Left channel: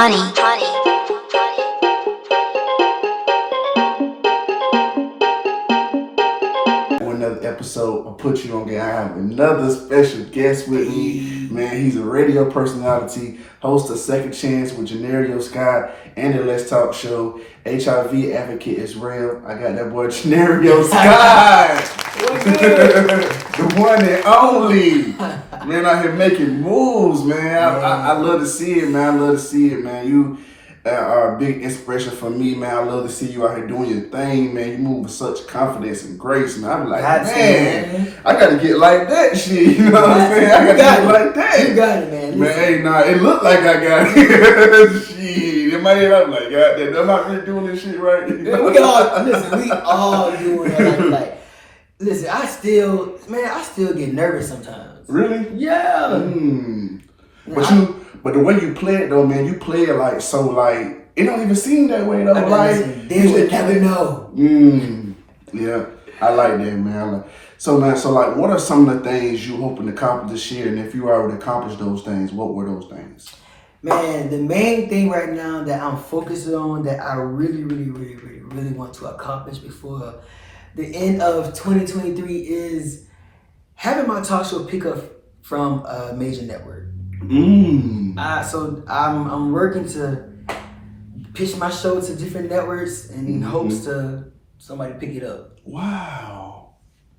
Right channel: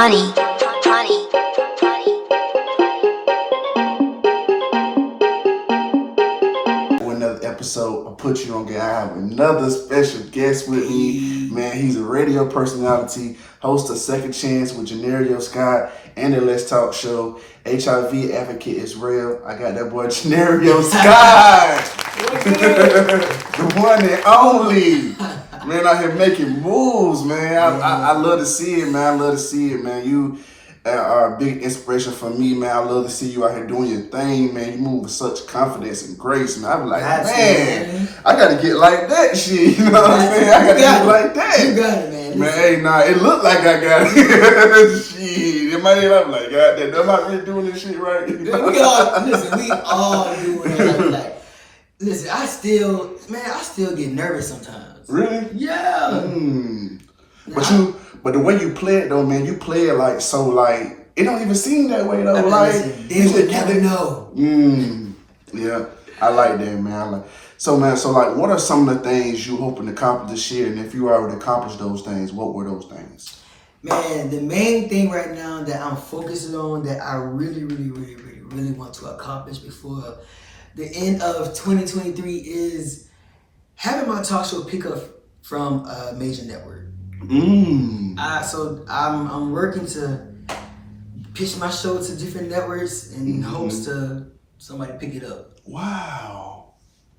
Honey. Another episode of Put You On Game. I have another special guest with me. Man, he's a radio personality, host of Second Chance with JOHNERIO Scott and the Let's Talk Show, HIV advocate as well. I got that boy JOHNERIO Scott. The one and only. Man, out here making moves, man. I love to see it, man. I love to see it, man. You are a big inspiration for me, man. I love to see you out here doing your thing, man. You move with such confidence and grace, man. I'm like, man, I gotta get like that shit. You know what I'm saying? I gotta get like that. You got it, man. Man, hey, nah, it looked like I got it. Shit. In my head, I'm like, God damn, I'm not really doing this shit right. We all doing it. Like, listen, I still get nervous sometimes. Really? Yeah. But the way you play it though, man, you play it like so like it don't even seem that way though. They would never know. Yeah, I like that, man. So like, what are some of the things you hoping to accomplish this year? And if you already accomplished those things, what were those things? Man, the main thing right now that I'm focusing on that I really want to accomplish before the end of 2023 is having my talk show pick up from a major network. So I'm working to pitch my show to different networks in hopes to somebody pick it up. Wow.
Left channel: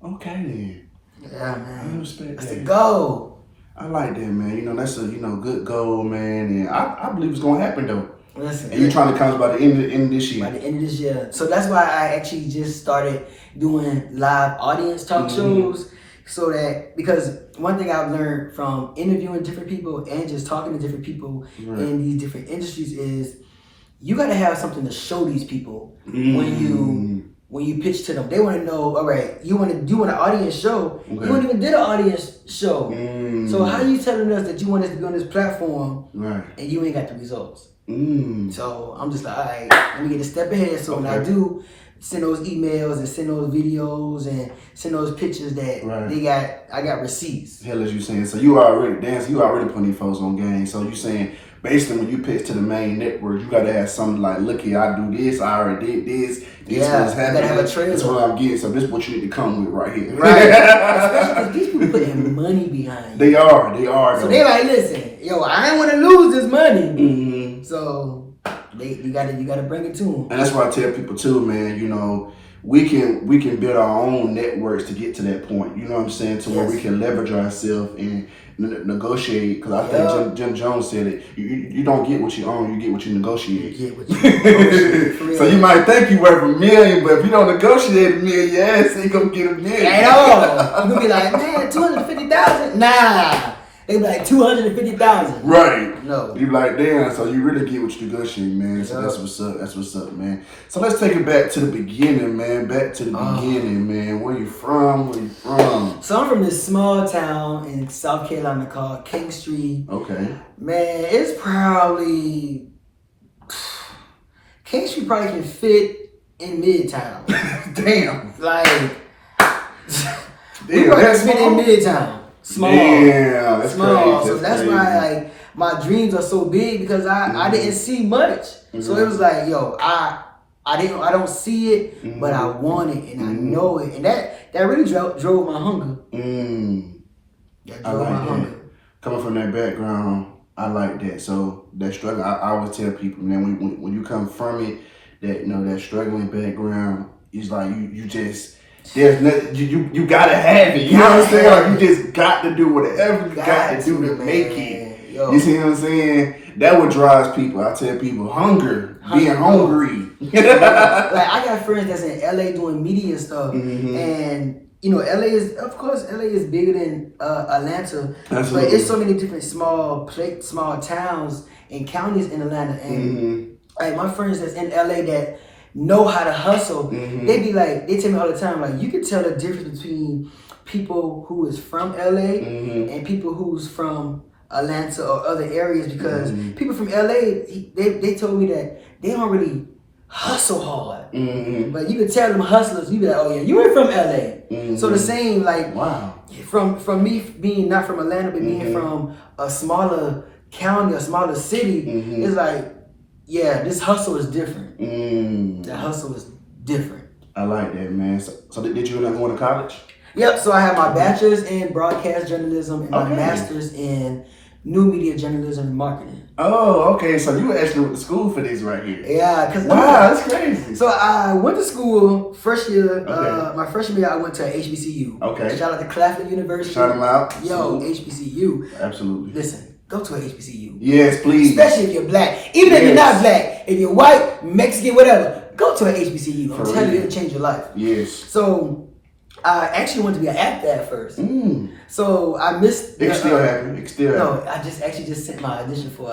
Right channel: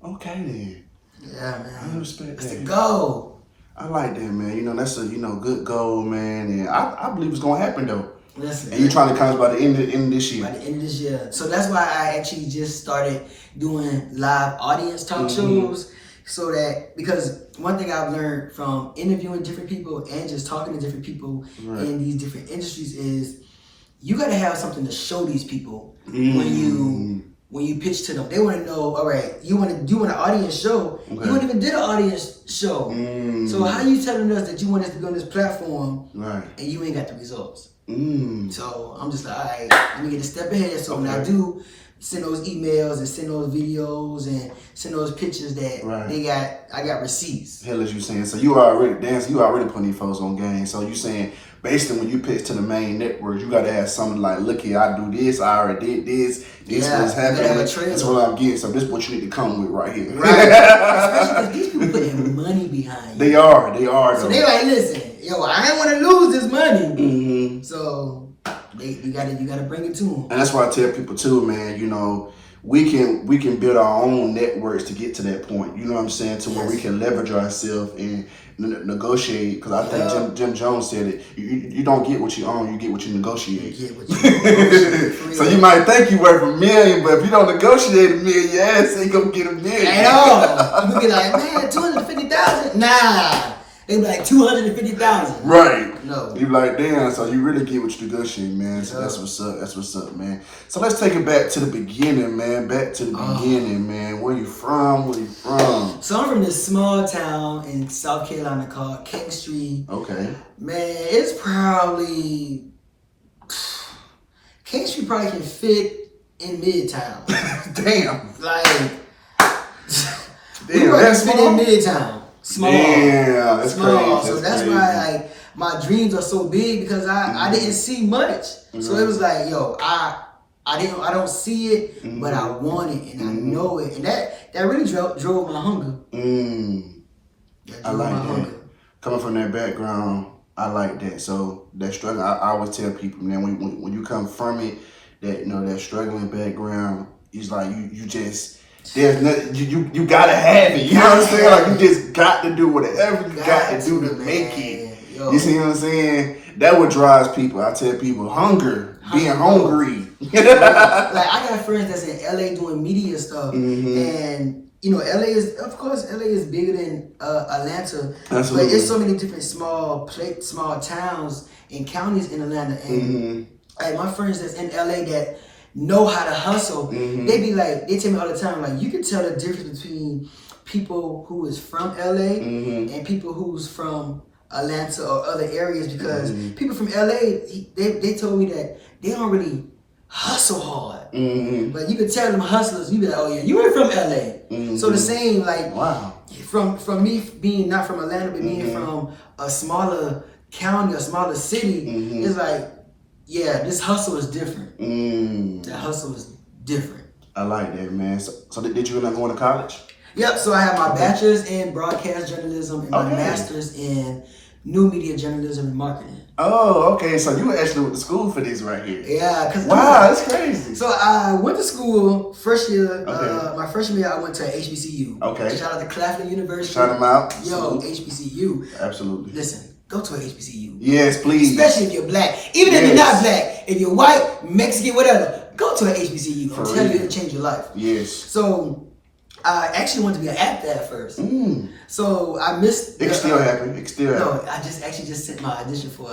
Okay then. Yeah, man. I respect that's that. the goal. I like that, man. You know, that's a good goal, man. And I believe it's gonna happen though. Listen, and you're trying to come by the end of this year. By the end of this year. So that's why I actually just started doing live audience talk shows. So that, because one thing I've learned from interviewing different people and just talking to different people in these different industries is you got to have something to show these people when you pitch to them. They want to know, all right, you want to do an audience show. Okay. You ain't even did an audience show. So how you telling us that you want us to be on this platform and you ain't got the results? So I'm just like, all right, let me get a step ahead. So when I do send those emails and send those videos and send those pictures that I got receipts. Hell, as you saying, so you already putting these folks on game. So you saying, based on when you pitch to the main network, you gotta have something like, look here, I do this, I already did this. This what's happening. You gotta have a trailer. That's what I'm getting. So this is what you need to come with right here. Right. Especially because these people putting money behind you. They are. So they like, listen, yo, I ain't want to lose this money. So you gotta bring it to them. And that's what I tell people too, man. You know, we can build our own networks to get to that point. You know what I'm saying? To where we can leverage ourselves and negotiate. Because I think Jim Jones said it. You don't get what you own, you get what you negotiate. You get what you negotiate. So you might think you worth $1 million, but if you don't negotiate $1 million, your ass ain't gonna get $1 million. At all. You be like, man, $250,000? Nah. They be like $250,000. Right. No. You be like, damn, so you really get what you negotiate, man. So that's what's up. That's what's up, man. So let's take it back to the beginning, man. Back to the beginning, man. Where you from? So I'm from this small town in South Carolina called King Street. Okay. Man, it's probably King Street probably can fit in Midtown. Damn. Like we probably fit in Midtown. Small. Yeah, that's small. Crazy. So that's why like my dreams are so big because I didn't see much. So it was like, yo, I don't see it, but I want it and I know it. And that really drove my hunger. That drove my hunger. Coming from that background, I like that. So that struggle, I always tell people, man, when you come from it, that that struggling background is like you just there's nothing, you gotta have it. You know what I'm saying? Like you just got to do whatever you got to do to make it. Yo. You see what I'm saying? That what drives people. I tell people, being hungry. Like I got friends that's in LA doing media stuff, and LA is bigger than Atlanta. Absolutely. But it's so many different small towns and counties in Atlanta, and like my friends that's in LA that know how to hustle, they tell me all the time, like, you can tell the difference between people who is from LA and people who's from Atlanta or other areas, because people from LA, they told me that they don't really hustle hard. But you can tell them hustlers, you be like, oh yeah, you ain't from LA. So the same, like, from me being not from Atlanta, but being from a smaller county or smaller city, it's like, yeah, this hustle is different. The hustle is different. I like that, man. So did you end up going to college? Yep. So I have my bachelor's in broadcast journalism and my master's in new media journalism and marketing. Oh, okay. So you actually went to school for this right here. Yeah. Cause that's crazy. So I went to school first year. My freshman year, I went to HBCU. Okay. Shout out to Claflin University. Shout them out. Yo, HBCU. Absolutely. Listen, go to a HBCU. Yes, please. Especially if you're black. Even if you're not black, if you're white, Mexican, whatever, go to a HBCU. I'm telling you, it'll change your life. Yes. So I actually wanted to be an actor at first. So I missed. It still happened. No, I just sent my audition for a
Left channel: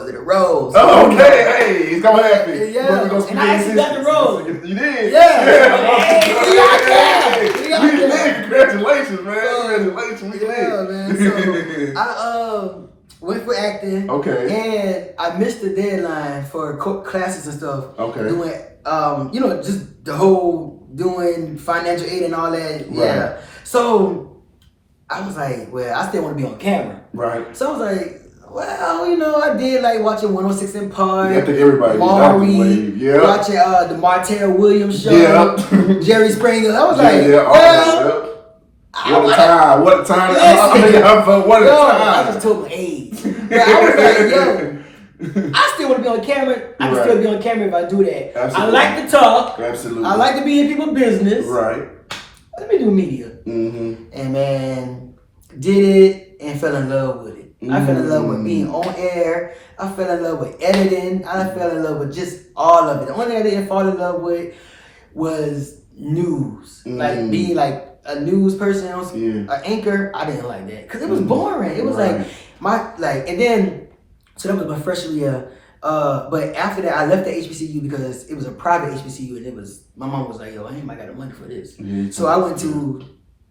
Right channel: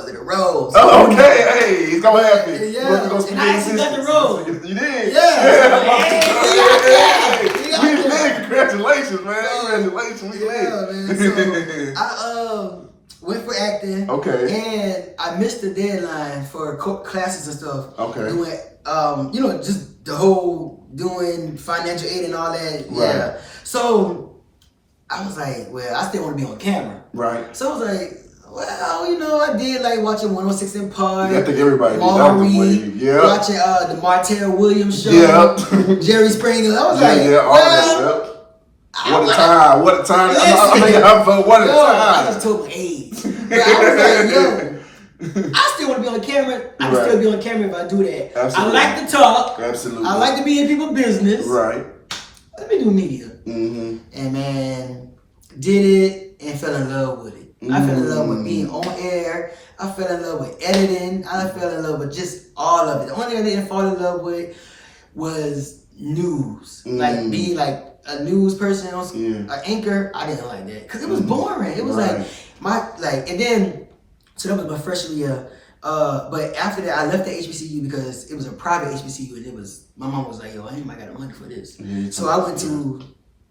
little role. Oh, okay. Hey, it's gonna happen. Yeah. And I actually got the role. You did. Yeah. We did. Congratulations, man. Congratulations. Yeah, man. So I went for acting. Okay. And I missed the deadline for classes and stuff. Okay. Doing, just the whole doing financial aid and all that. Right. Yeah. So I was like, well, I still want to be on camera. Right. So I was like, well, I did like watching 106 in Park. I think everybody Maury, watching the Martell Williams show, Jerry Springer. I was like, what a time! What a time! What a time! I just told my age, but I was like, yo. I still want to be on camera. I can still be on camera if I do that. Absolutely. I like to talk. Absolutely. I like to be in people's business. Right. Let me do media. And man, did it and fell in love with it. I fell in love with being on air. I fell in love with editing. I fell in love with just all of it. The only thing I didn't fall in love with was news. Like being like a news person, an anchor. I didn't like that because it was boring. It was and then. So that was my freshman year. But after that, I left the HBCU because it was a private HBCU, and my mom was like, "Yo, I ain't got the money for this." So I went to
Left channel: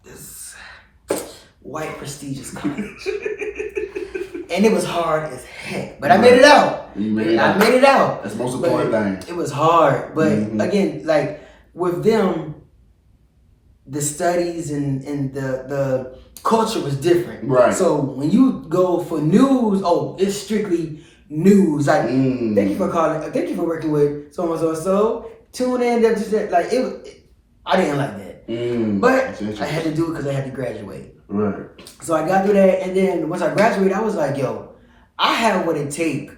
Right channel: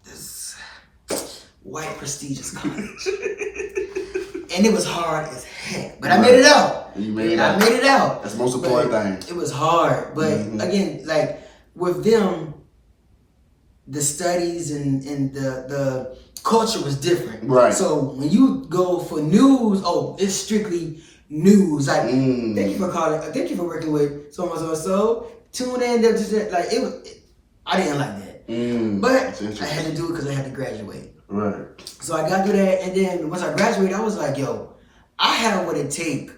this white prestigious college, and it was hard as heck. But I made it out. I made it out. That's the most important thing. It was hard, but again, like with them, the studies and the culture was different. Right. So when you go for news, it's strictly news. Like, thank you for calling. Thank you for working with so and so. Tune in. Like it was. I didn't like that. But I had to do it because I had to graduate. Right. So I got through that, and then once I graduated, I was like, yo, I have what it takes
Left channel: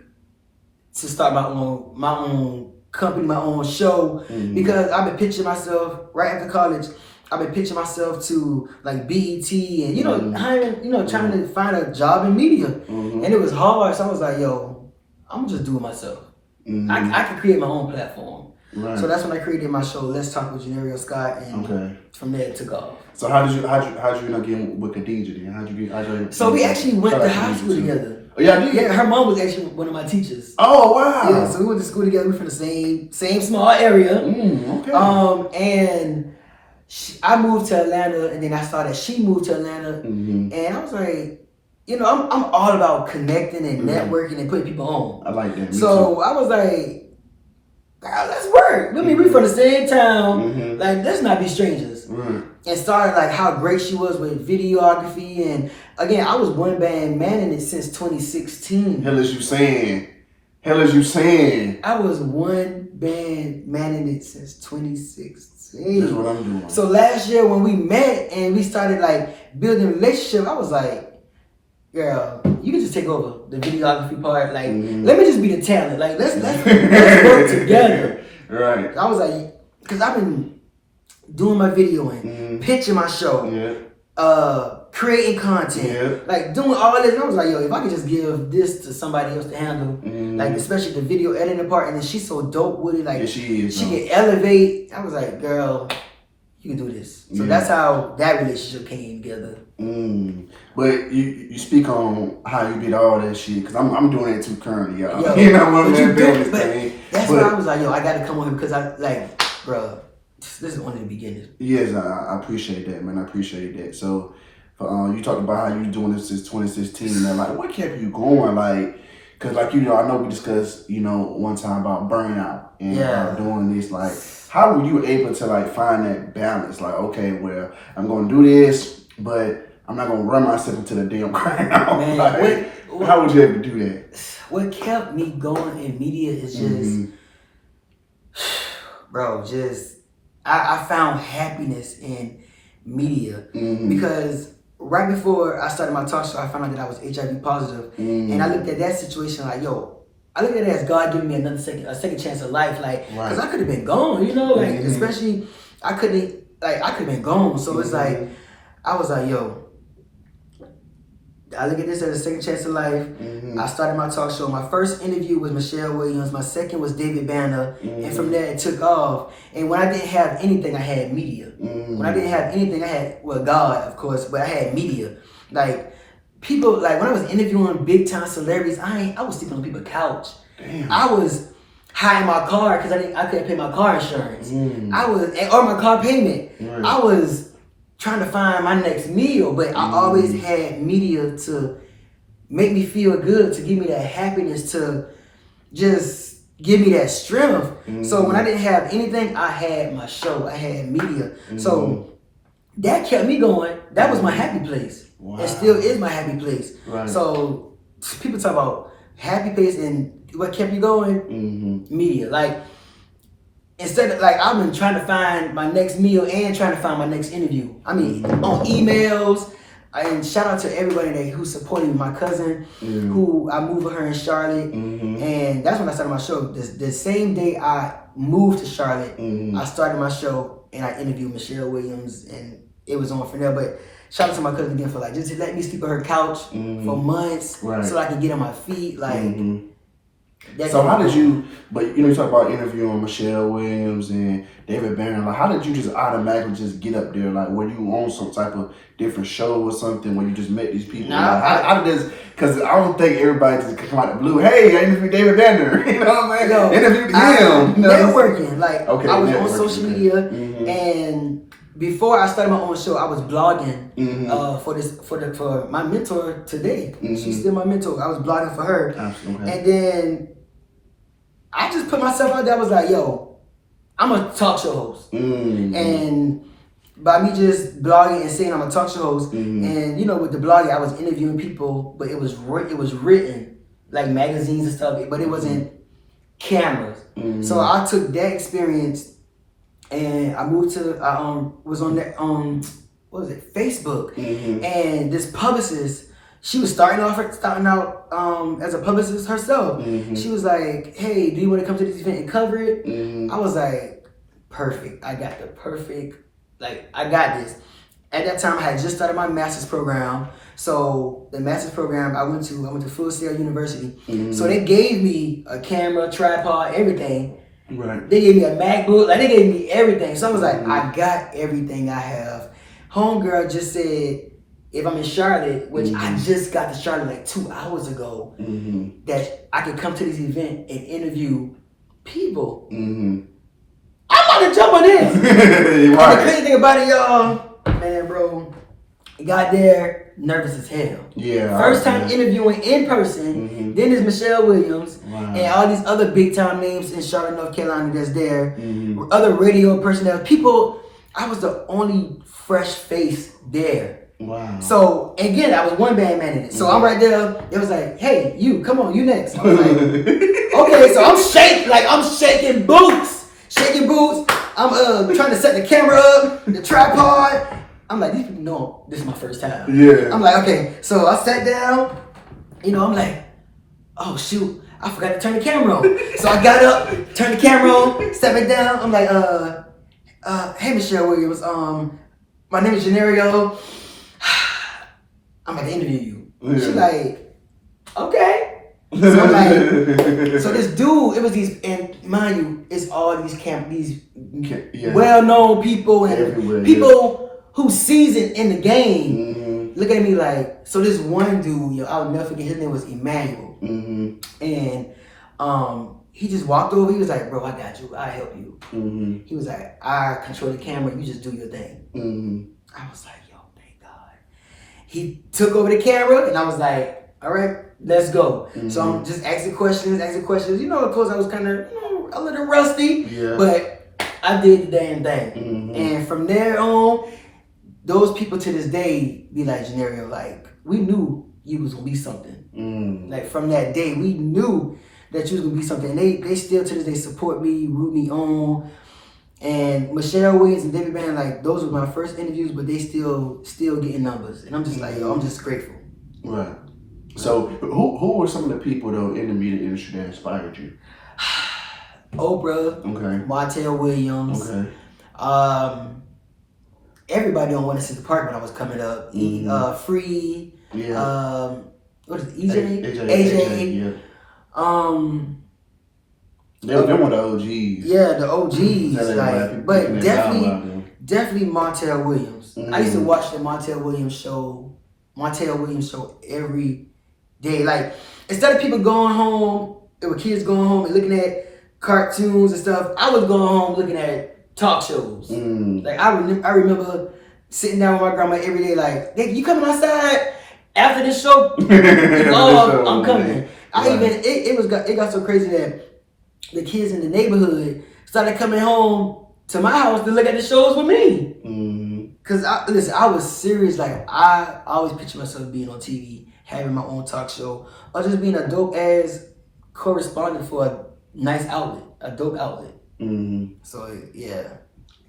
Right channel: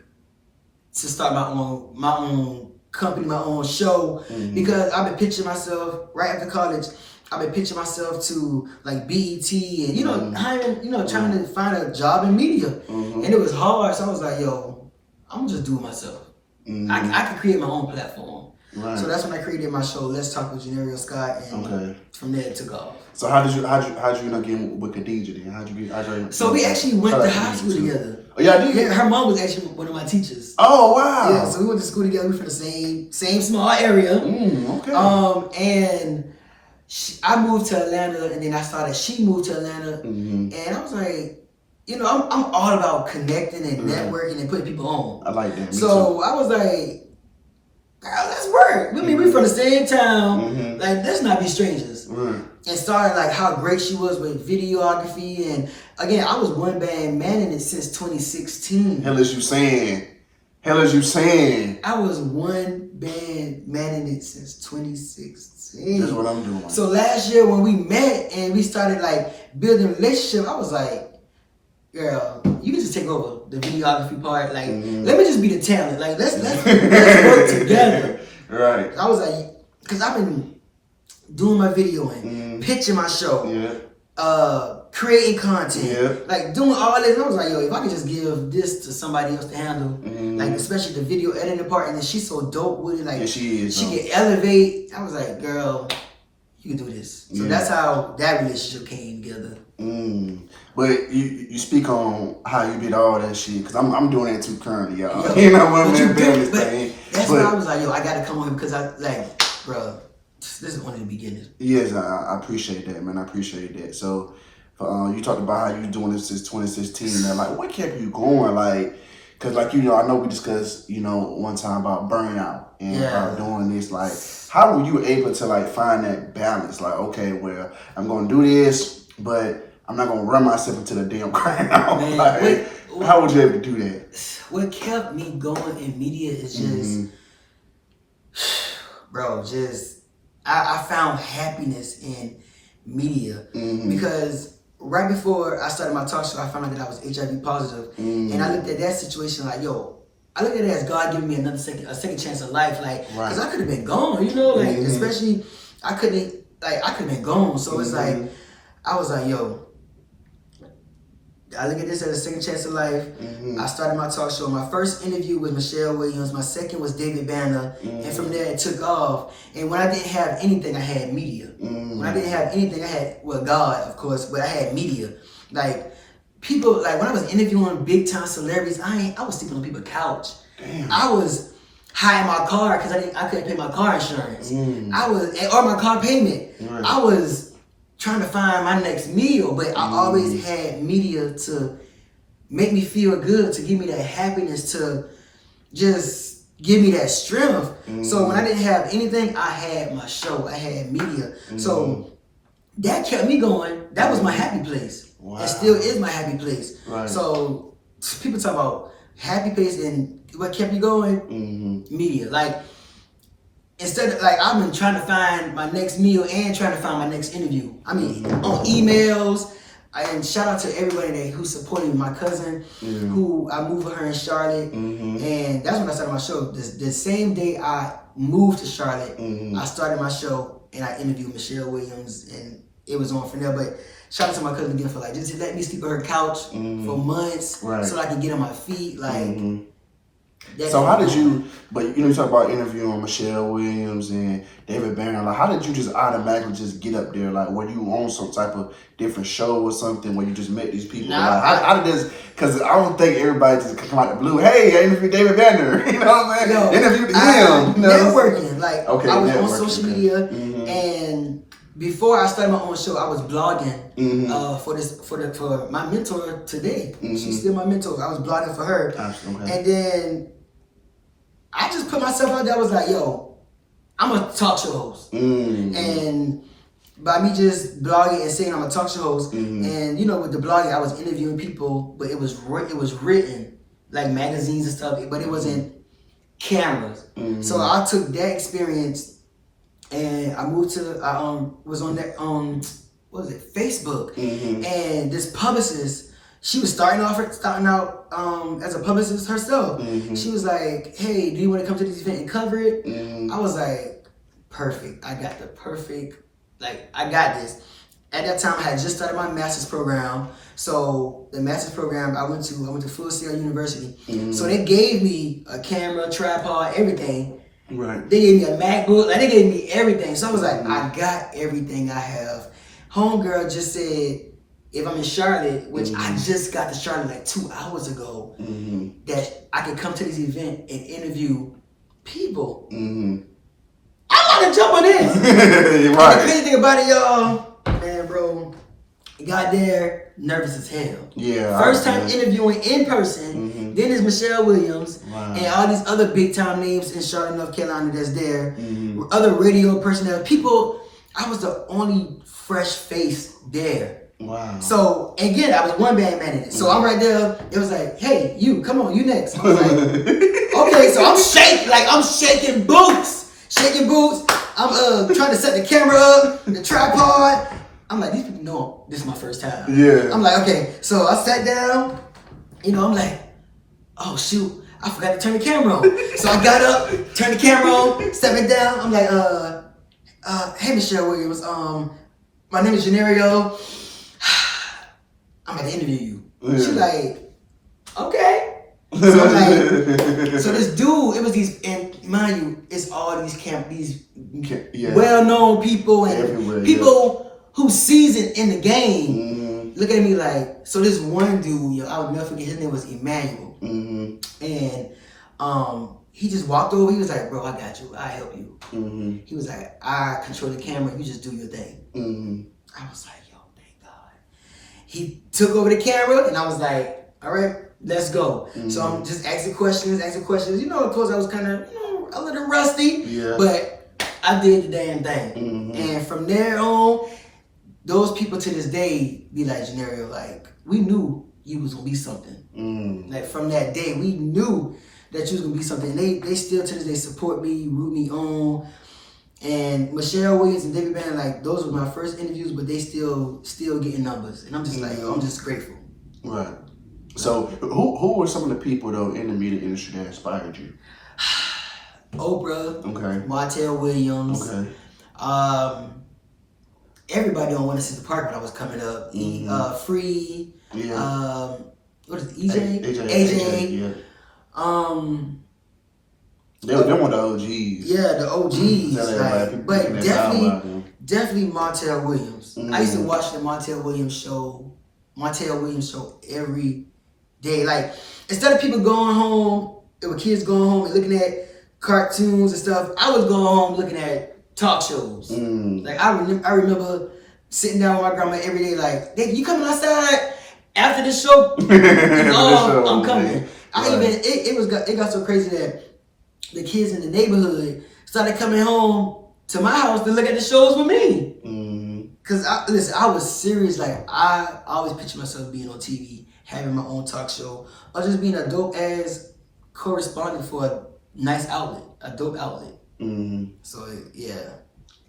to start my own company, my own show, because I've been picturing myself right after college. I've been pitching myself to like BET and hiring, trying to find a job in media, and it was hard. So I was like, "Yo, I'm gonna just do it myself. I can create my own platform." Right. So that's when I created my show, Let's Talk with JOHNERIO Scott, and from there it took off. So how did you end up getting with Khadijah then? How'd you get? So we actually went to high school together. Oh yeah, yeah. Her mom was actually one of my teachers. Oh wow. Yeah. So we went to school together. We're from the same small area. Okay. And. I moved to Atlanta, and then she moved to Atlanta, and I was like, I'm all about connecting and networking and putting people on. I like that. So I was like, girl, let's work. I mean, we from the same town. Like, let's not be strangers. And started like how great she was with videography, and again, I was one band manning it since 2016. Hell is you saying? I was one band manning it since 2016. That's what I'm doing. So last year when we met and we started like building a relationship, I was like, girl, you can just take over the videography part. Like, let me just be the talent. Like, let's work together. Right. I was like, because I've been doing my videoing, pitching my show, creating content, like doing all this. And I was like, yo, if I could just give this to somebody else to handle, like especially the video editing part, and then she's so dope with it, like she can elevate. I was like, girl, you can do this. So that's how that relationship came together. But you speak on how you did all that shit, because I'm doing that too currently, y'all. Yo, you know what, man? Doing this thing. That's why I was like, yo, I got to come on here because I like, bro, this is only the beginning. Yes, I appreciate that, man. I appreciate that. So. You talked about how you doing this since 2016, and like, what kept you going? Like, cause like, I know we discussed, one time about burnout and doing this. Like, how were you able to like find that balance? Like, okay, well, I'm gonna do this, but I'm not gonna run myself into the damn ground. Man, Like, how would you ever do that? What kept me going in media is just, bro, just I found happiness in media because right before I started my talk show, I found out that I was HIV positive, and I looked at that situation like, yo, I looked at it as God giving me a second chance of life, like, because I could have been gone, you know, like, especially I could have been gone, so it's like, I was like, yo, I look at this as a second chance of life. I started my talk show. My first interview was Michelle Williams. My second was David Banner. And from there, it took off. And when I didn't have anything, I had media. When I didn't have anything, I had, well, God, of course, but I had media. Like, people, like, when I was interviewing big-time celebrities, I was sleeping on people's couch. Damn. I was high in my car because I couldn't pay my car insurance. Or my car payment. Right. I was trying to find my next meal, but I always had media to make me feel good, to give me that happiness, to just give me that strength. So when I didn't have anything, I had my show, I had media. So that kept me going. That was my happy place. Wow. It still is my happy place. Right. So people talk about happy place and what kept you going? Media. Like, instead of, like, I've been trying to find my next meal and trying to find my next interview. I mean, on emails. And shout out to everybody who supported me. My cousin, who I moved with her in Charlotte. And that's when I started my show. The same day I moved to Charlotte, I started my show and I interviewed Michelle Williams, and it was on from there. But shout out to my cousin again for, like, just let me sleep on her couch for months so I can get on my feet. Like, so how did you, but you know, you talk about interviewing Michelle Williams and David Banner, like, how did you just automatically just get up there? Like, were you on some type of different show or something where you just met these people? Nah, like, how did this, because I don't think everybody just come out the blue, hey, I interviewed David Banner, you know what I'm saying? No, interviewed him. You know? Networking, like, Okay, I was on networking, social media, and before I started my own show, I was blogging for my mentor today. She's still my mentor. I was blogging for her, and then I just put myself out there. I was like, yo, I'm a talk show host, and by me just blogging and saying I'm a talk show host, and you know, with the blogging, I was interviewing people, but it was written like magazines and stuff, but it wasn't cameras. So I took that experience. And I moved to, was on that, what was it, Facebook. And this publicist, she was starting out as a publicist herself. She was like, hey, do you want to come to this event and cover it? I was like, perfect. I got the perfect, like, I got this. At that time, I had just started my master's program. So the master's program I went to Full Sail University. So they gave me a camera, tripod, everything. Right. They gave me a MacBook, like, they gave me everything. So I was like, I got everything I have. Homegirl just said, if I'm in Charlotte, which I just got to Charlotte like 2 hours ago, that I could come to this event and interview people. I'm about to jump on this. And the crazy thing about it, y'all, man, bro, got there, nervous as hell. Yeah. First time interviewing in person. Then there's Michelle Williams and all these other big time names in Charlotte, North Carolina that's there. Other radio personnel. People, I was the only fresh face there. Wow. So again, I was one band man in it. So I'm right there. It was like, hey, you, come on, you next. I was like, okay, so I'm shaking boots. I'm trying to set the camera up, the tripod. I'm like, these people know this is my first time. Yeah. I'm like, okay. So I sat down, you know, I'm like, oh shoot, I forgot to turn the camera on. So I got up, turned the camera on, sat back down. I'm like, hey Michelle Williams, my name is JOHNERIO. I'm about to interview you. She like, okay. So I'm like, so this dude, it was these, and mind you, it's all these well-known people and people who seasoned in the game. Look at me like, so this one dude, yo, I'll never forget, his name was Emmanuel. And he just walked over, he was like, bro, I got you, I'll help you. He was like, I control the camera, you just do your thing. I was like, yo, thank God. He took over the camera and I was like, all right, let's go. So I'm just asking questions. You know, of course I was kind of, you know, a little rusty, but I did the damn thing. And from there on, those people to this day be like, Johnerio, like, we knew you was gonna be something. Like from that day, we knew that you was gonna be something. And they still to this day support me, root me on. And Michelle Williams and David Bannon, like those were my first interviews, but they still getting numbras. And I'm just like, yo, I'm just grateful. Right. So who were some of the people though in the media industry that inspired you? Oprah. Okay. Martell Williams. Okay. Everybody on One Center Park when I was coming up. Free. Yeah. What is it? EJ? AJ. Yeah. They were one of the OGs. Yeah, the OGs. Like, but definitely Martell Williams. I used to watch the Martell Williams show every day. Like, instead of people going home, there were kids going home and looking at cartoons and stuff, I was going home looking at talk shows. Like, I remember sitting down with my grandma every day, like, you coming outside after this show? Oh, I'm coming. It got so crazy that the kids in the neighborhood started coming home to my house to look at the shows with me. Cause I was serious. Like, I always picture myself being on TV, having my own talk show, or just being a dope ass correspondent for a nice outlet, a dope outlet. So yeah.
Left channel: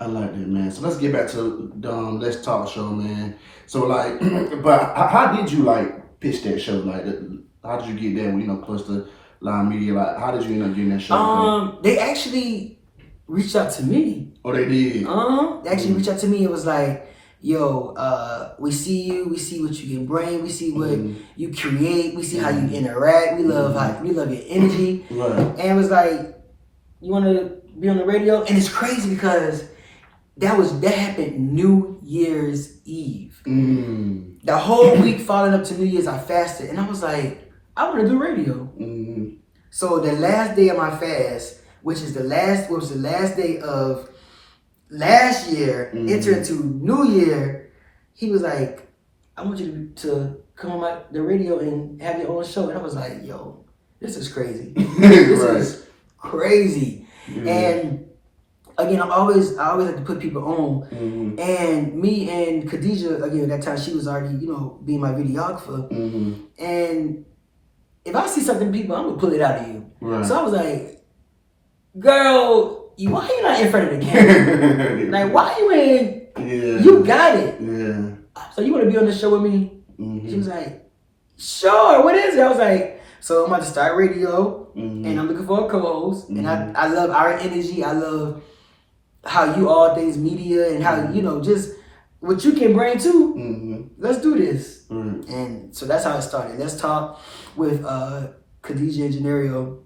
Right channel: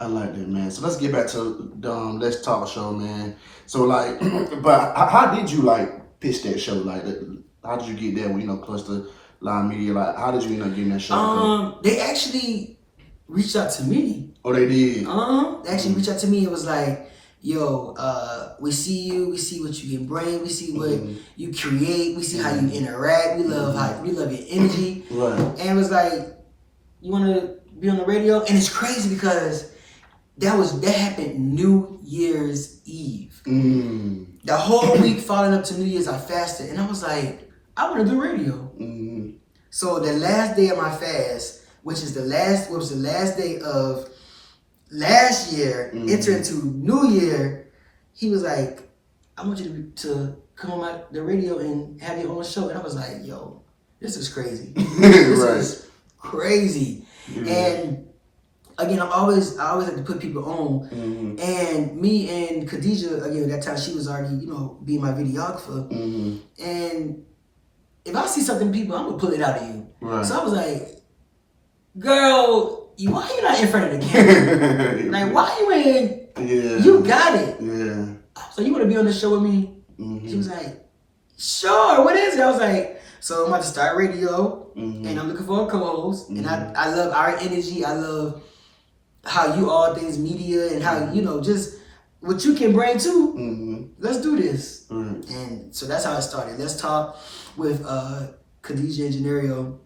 I like that, man. So let's get back to Let's Talk show, man. So like, but how did you like pitch that show? Like, how did you get that? You know, close to Live Media. Like, how did you end up getting that show? They actually reached out to me. Oh, they did. They actually reached out to me. It was like, yo, we see you. We see what you can bring. We see what you create. We see how you interact. We love your energy. Right. And it was like, you want to be on the radio? And it's crazy because that happened New Year's Eve. The whole week following up to New Year's, I fasted, and I was like, I want to do radio. So the last day of my fast, which was the last day of last year, enter into New Year, he was like, I want you to come on the radio and have your own show. And I was like, yo, this is crazy. This is crazy. And again, I always like to put people on. And me and Khadijah, again, at that time, she was already, being my videographer. And if I see something in people, I'm gonna pull it out of you. Right. So I was like, girl, why you not in front of the camera? Like, why you ain't? Yeah. You got it. Yeah. So you want to be on the show with me? She was like, sure. What is it? I was like, so I'm about to start radio, and I'm looking for a co-host. And I love our energy. I love how you all things media and how just what you can bring too. Let's do this. And so that's how it started. Let's Talk with Khadijah and JOHNERIO.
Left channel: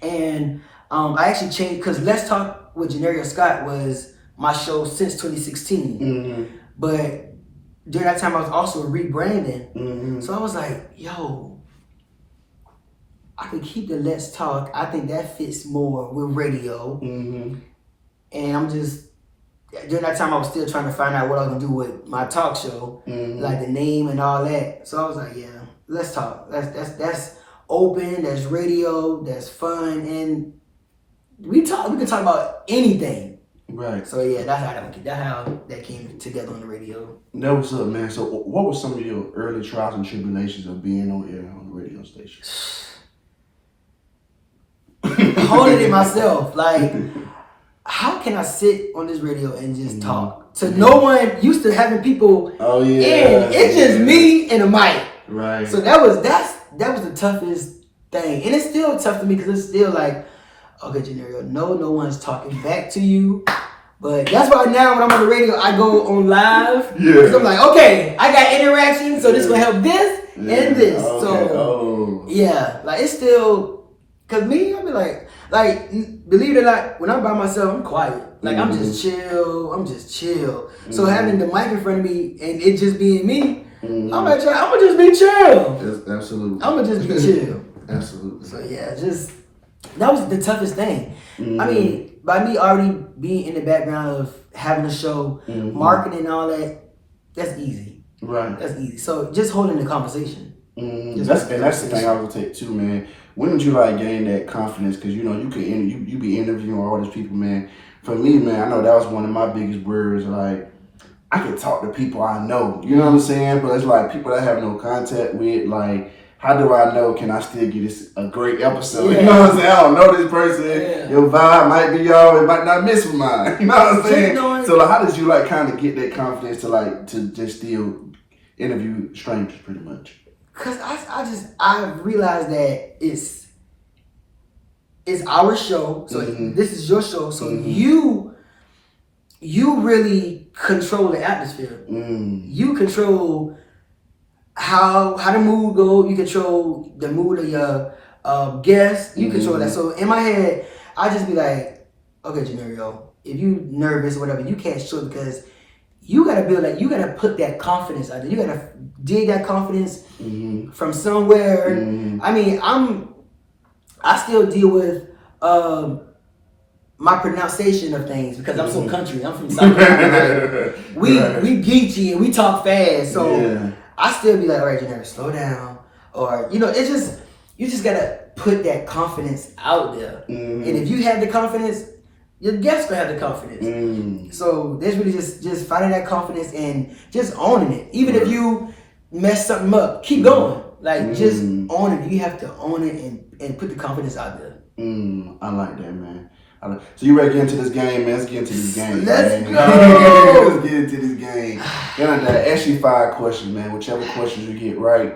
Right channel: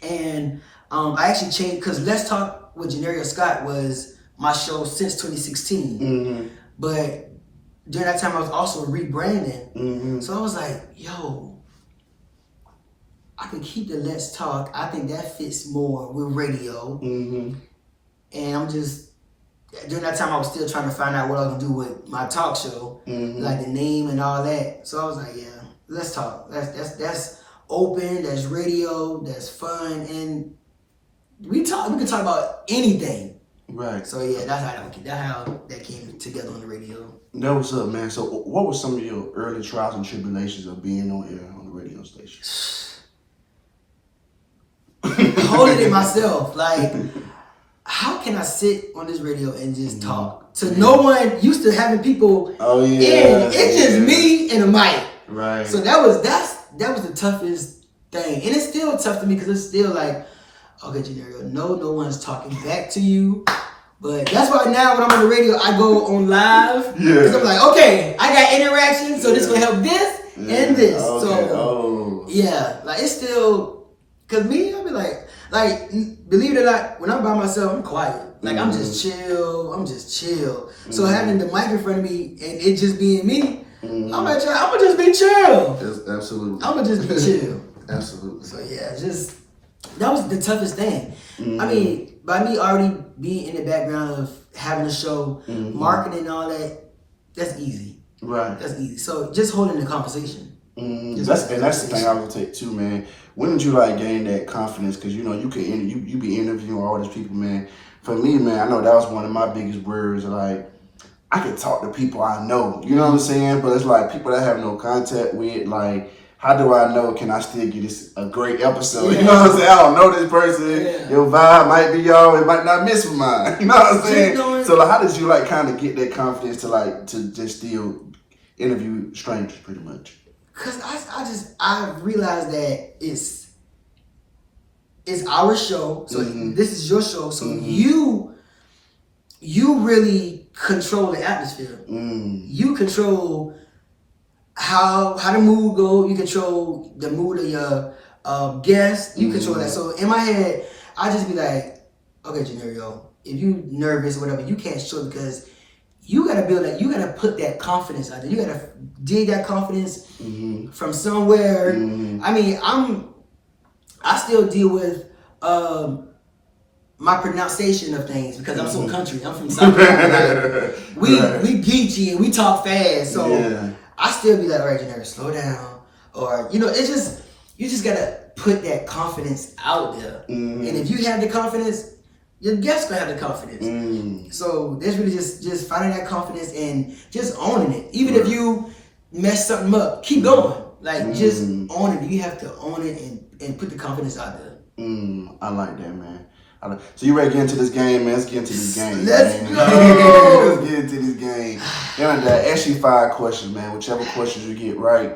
And I actually changed, because Let's Talk with JOHNERIO Scott was my show since 2016. But during that time, I was also rebranding. So I was like, yo, I could keep the Let's Talk. I think that fits more with radio. And I'm just, during that time, I was still trying to find out what I was going to do with my talk show, like the name and all that. So I was like, yeah, Let's Talk. That's open, that's radio, that's fun, and we can talk about anything. Right. So yeah, that's how that came together on the radio. That was up, man. So what were some of your early trials and tribulations of being on air on the radio station? Holding it myself, like, how can I sit on this radio and just talk to no one? Used to having people. Oh yeah. It's just me and a mic. Right. So that was the toughest thing, and it's still tough to me because it's still like, okay, JOHNERIO, no one's talking back to you. But that's why now when I'm on the radio, I go on live. Because I'm like, okay, I got interaction, so this is gonna help this and this. Okay. So yeah, like it's still, cause me, I be like, believe it or not, when I'm by myself, I'm quiet. Like I'm just chill. So having the mic in front of me and it just being me, I'm gonna just be chill. Absolutely. I'm gonna just be chill. Absolutely. So yeah, that was the toughest thing. I mean, by me already being in the background of having a show, marketing and all that, that's easy. Right. That's easy. So just holding the conversation. That's the thing I would take too, man. When did you gain that confidence? Because you be interviewing all these people, man. For me, man, I know that was one of my biggest worries. Like, I can talk to people I know. You know what I'm saying? But it's like people that I have no contact with. Like, how do I know? Can I still get this a great episode? Yeah. You know what I'm saying? I don't know this person. Yeah. Your vibe might be y'all. It might not miss with mine. You know what I'm saying? So like, how did you like kind of get that confidence to just still interview strangers, pretty much? Cause I realized that it's our show, so this is your show, so you really control the atmosphere. You control how the mood go. You control the mood of your guests. You control that. So in my head, I just be like, okay, JOHNERIO, if you nervous or whatever, you can't show it because you gotta build that. You gotta put that confidence out there. You gotta dig that confidence from somewhere. I mean, I still deal with my pronunciation of things because I'm so country. I'm from South Carolina. We geeky and we talk fast, so I still be like, all right, JOHNERIO, slow down, or it's just you just gotta put that confidence out there. And if you have the confidence, your guests gonna have the confidence. So there's really just finding that confidence and just owning it. Even if you mess something up, keep going. Like just own it. You have to own it and put the confidence out there. I like that, man. So you ready to get into this game, man? Let's get into this game. Let's go. Let's get into this game. And I ask you 5 questions, man. Whichever questions you get right,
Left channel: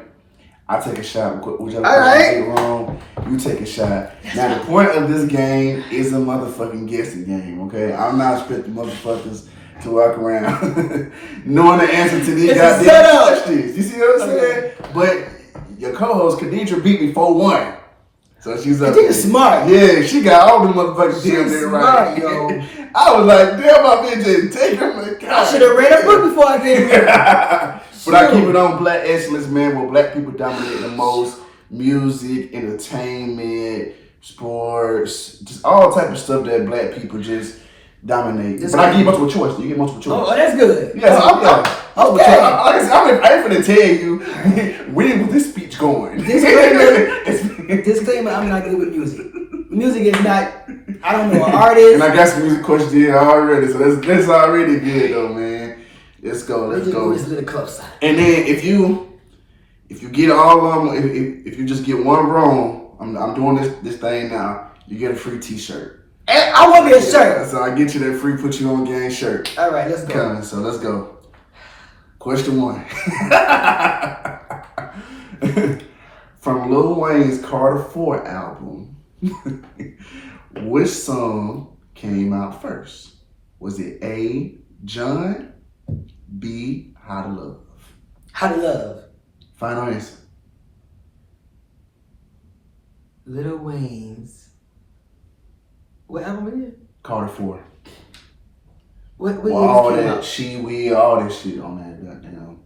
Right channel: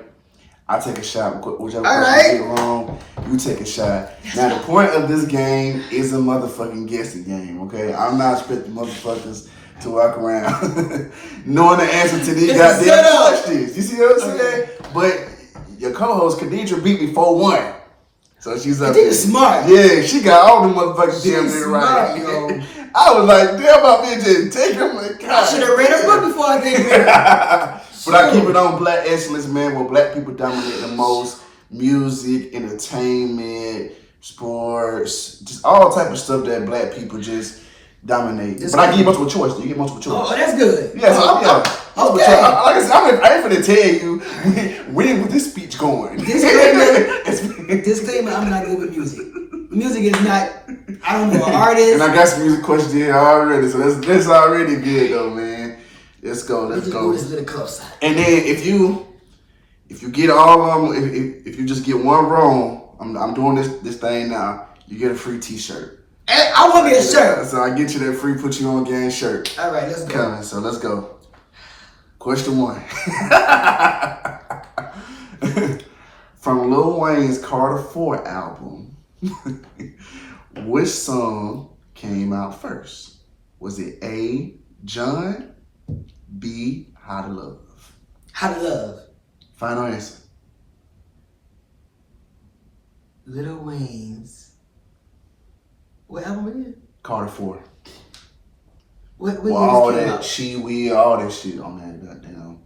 I take a shot. Whichever questions you get wrong, you take a shot. Now the point of this game is a motherfucking guessing game, okay? I'm not expecting motherfuckers to walk around knowing the answer to these goddamn questions. You see what I'm saying? But your co-host Khadija beat me 4-1. So she's up there. Smart. Yeah, she got all the motherfucking damn there right. Yo. I was like, damn, my bitch didn't take her. Like, I should have read a book before I came here. But I keep it on Black Excellence, man, where black people dominate the most. Music, entertainment, sports, just all type of stuff that black people just dominate. But I give you multiple choice. You get multiple choice. Oh, that's good. Yeah, Okay. I ain't finna tell you where was this speech going. Disclaimer, I'm not good with music. Music is not, I don't know, an artist. And I got some music questions here already, so that's already good though, man. Let's go. Let's go this a little closer. And then if you get all of them, if you just get one wrong, I'm doing this thing now. You get a free T-shirt. I want me a shirt. So I get you that free Put You On Game shirt. All right, let's go. Coming, so let's go. Question 1. From Lil Wayne's Carter 4 album, which song came out first? Was it A, John, B, How to Love? How to Love. Final answer. Lil Wayne's. What album it is? Carter 4. What Well, year all this came that out? we all that shit on that goddamn.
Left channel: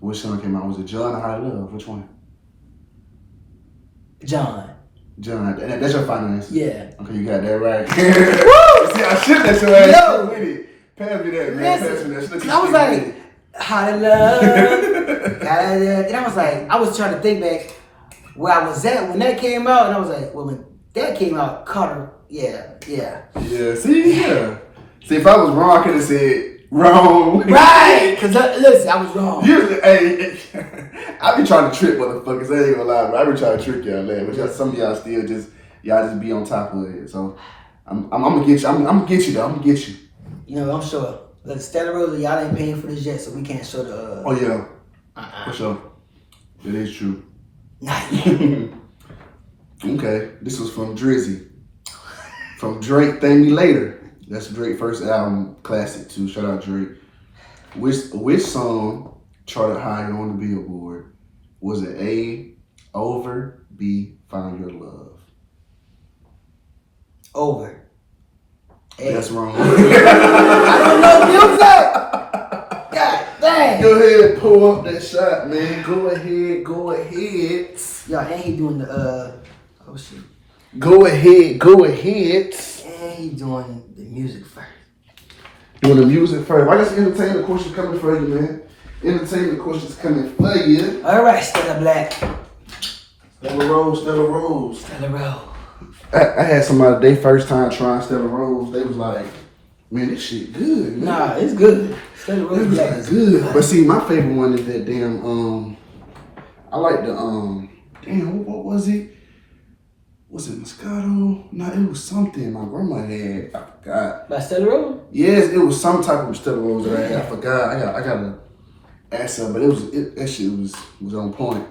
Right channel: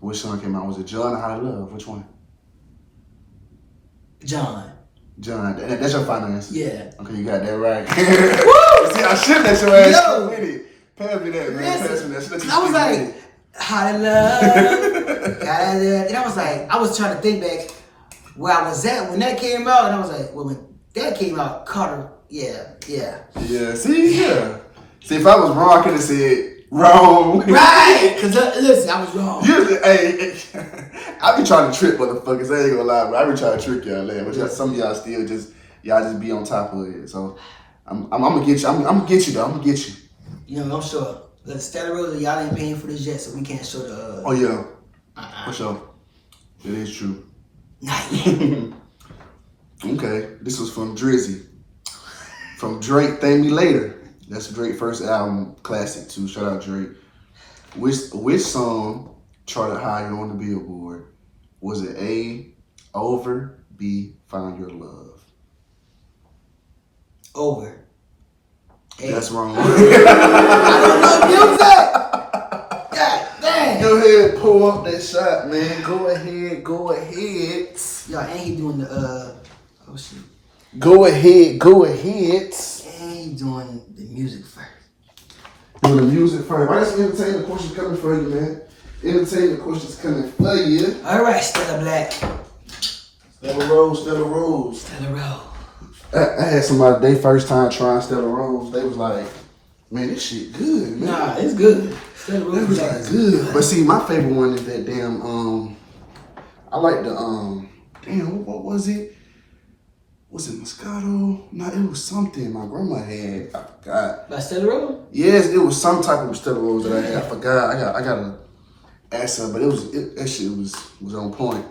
Which song came out? Was it John or How to Love? Which one? John. That's your final answer? Yeah. Okay, you got that right. Woo! See, I should let your ass Yo! with it. Pass me that, man. Listen, Pass me that. I was like, How to Love. And I was like, I was trying to think back where I was at when that came out, and I was like, well, when that came out, Carter, yeah. Yeah, see, yeah. See, if I was wrong, I could have said wrong. Right, because listen, I was wrong. Usually, hey, I be trying to trick motherfuckers. I ain't gonna lie, but I be trying to trick y'all, man. But some of y'all still just be on top of it. So I'm gonna get you. I'm gonna get you though. I'm gonna get you. You know, I'm sure. Look, Stella Rosa, y'all ain't paying for this yet, so we can't show the. Oh yeah, for sure. It is true. Not yet. Okay, this was from Drizzy. From Drake, Thank Me Later. That's Drake's first album, classic too. Shout out Drake. Which song charted higher on the Billboard? Was it A, Over, B, Found Your Love? Over. A. That's wrong. I don't know music. God dang. Go ahead, pull up that shot, man. Go ahead. Yo, and he doing the oh shit. Go ahead. And he doing the music first. Doing the music first. Why just entertainment questions coming for you, man? Entertainment questions coming for you. All right, Stella Black. Stella Rose. Stella Rose. I had somebody, they first time trying Stella Rose, they was like, man, this shit good. Man. Nah, it's good. Study Rose be like, good. But see, my favorite one is that damn I like the damn what was it? Was it Moscato? No, it was something my grandma had. I forgot. by Stella Rose? Yes, it was some type of Stella Rose that I had. I forgot. I gotta ask her, but that shit was on point.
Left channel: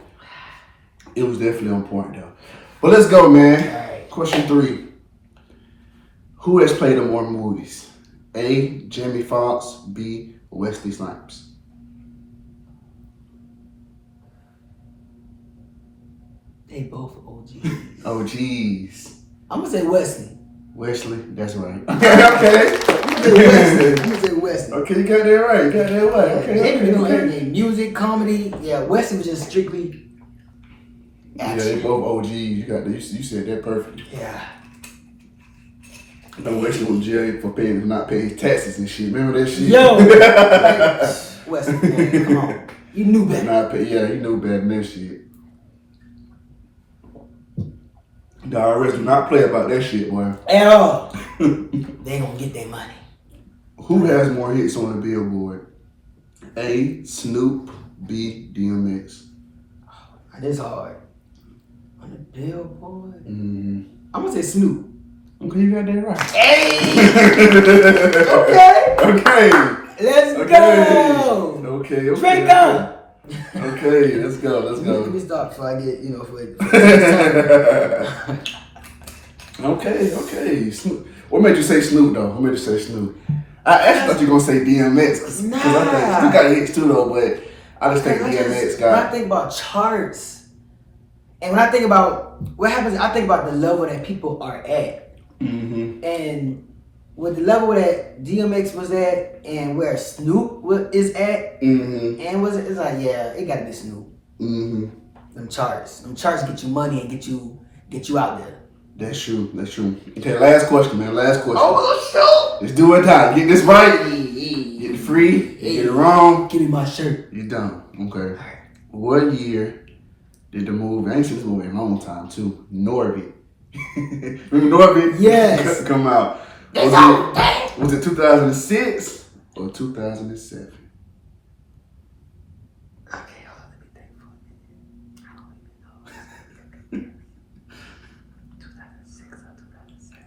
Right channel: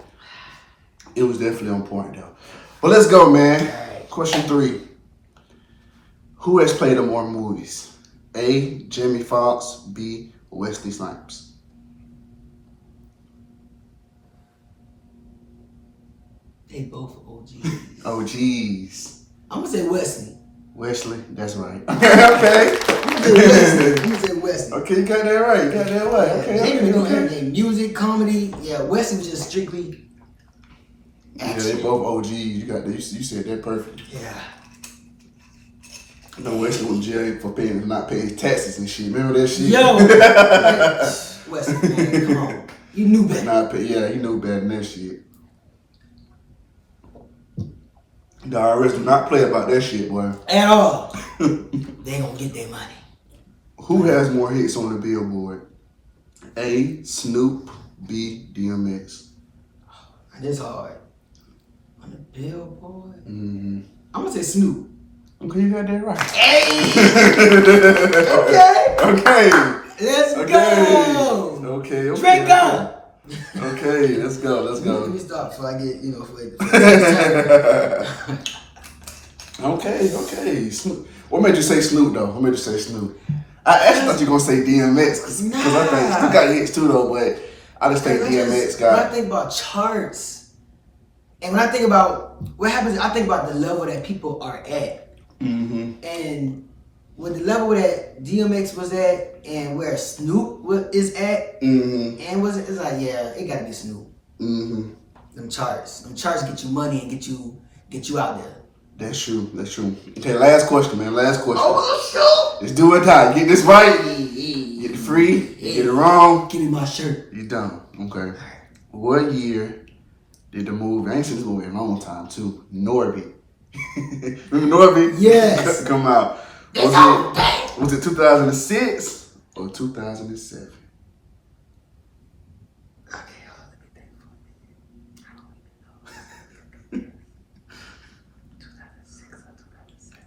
It was definitely on point though. But let's go, man. All right. Question 3. Who has played in more movies? A. Jamie Foxx. B. Wesley Snipes. They both OGs. Oh, jeez. I'm gonna say Wesley. Wesley, that's right. Okay. I'm gonna say Wesley. Okay, you got that right. You got that right. Okay. They been doing everything. Music, comedy. Yeah, Wesley was just strictly action. Yeah, they both OGs. You got that. You said that perfect. Yeah. No, Wesley went to jail for not paying taxes and shit. Remember that shit? Yo, like, Wesley, man, come on. You knew better. Yeah, he knew better than that shit. The IRS do not play about that shit, boy. At all. They gonna get their money. Who has more hits on the Billboard? A. Snoop. B. DMX. Oh, this hard. On the Billboard? Mm-hmm. I'm gonna say Snoop. Okay, you got that right. Hey! Okay. Let's go! Okay. Drink up! Okay, let's go. Let me stop before I get, Okay. Snoop. What made you say Snoop though? I actually thought you were gonna say DMX because I think Snoop got hits too though, but I just think DMX got. When I think about charts, and when I think about what happens, I think about the level that people are at. Mm-hmm. And with the level that DMX was at and where Snoop is at, mm-hmm. and it's like, yeah, it gotta be Snoop. Mm-hmm. Them charts get you money and get you out there. That's true. Okay, last question, man. Oh, sure. Let's do it now. Get this right. Get it free. Get it wrong. Give me my shirt. You done. Okay. Right. What year did the movie, I ain't seen this movie in a long time too, Norby. Remember Norby? Yes. Come out. Was it 2006 or 2007? Okay, hold on, let me think for a minute. I don't even know. 2006 or 2007.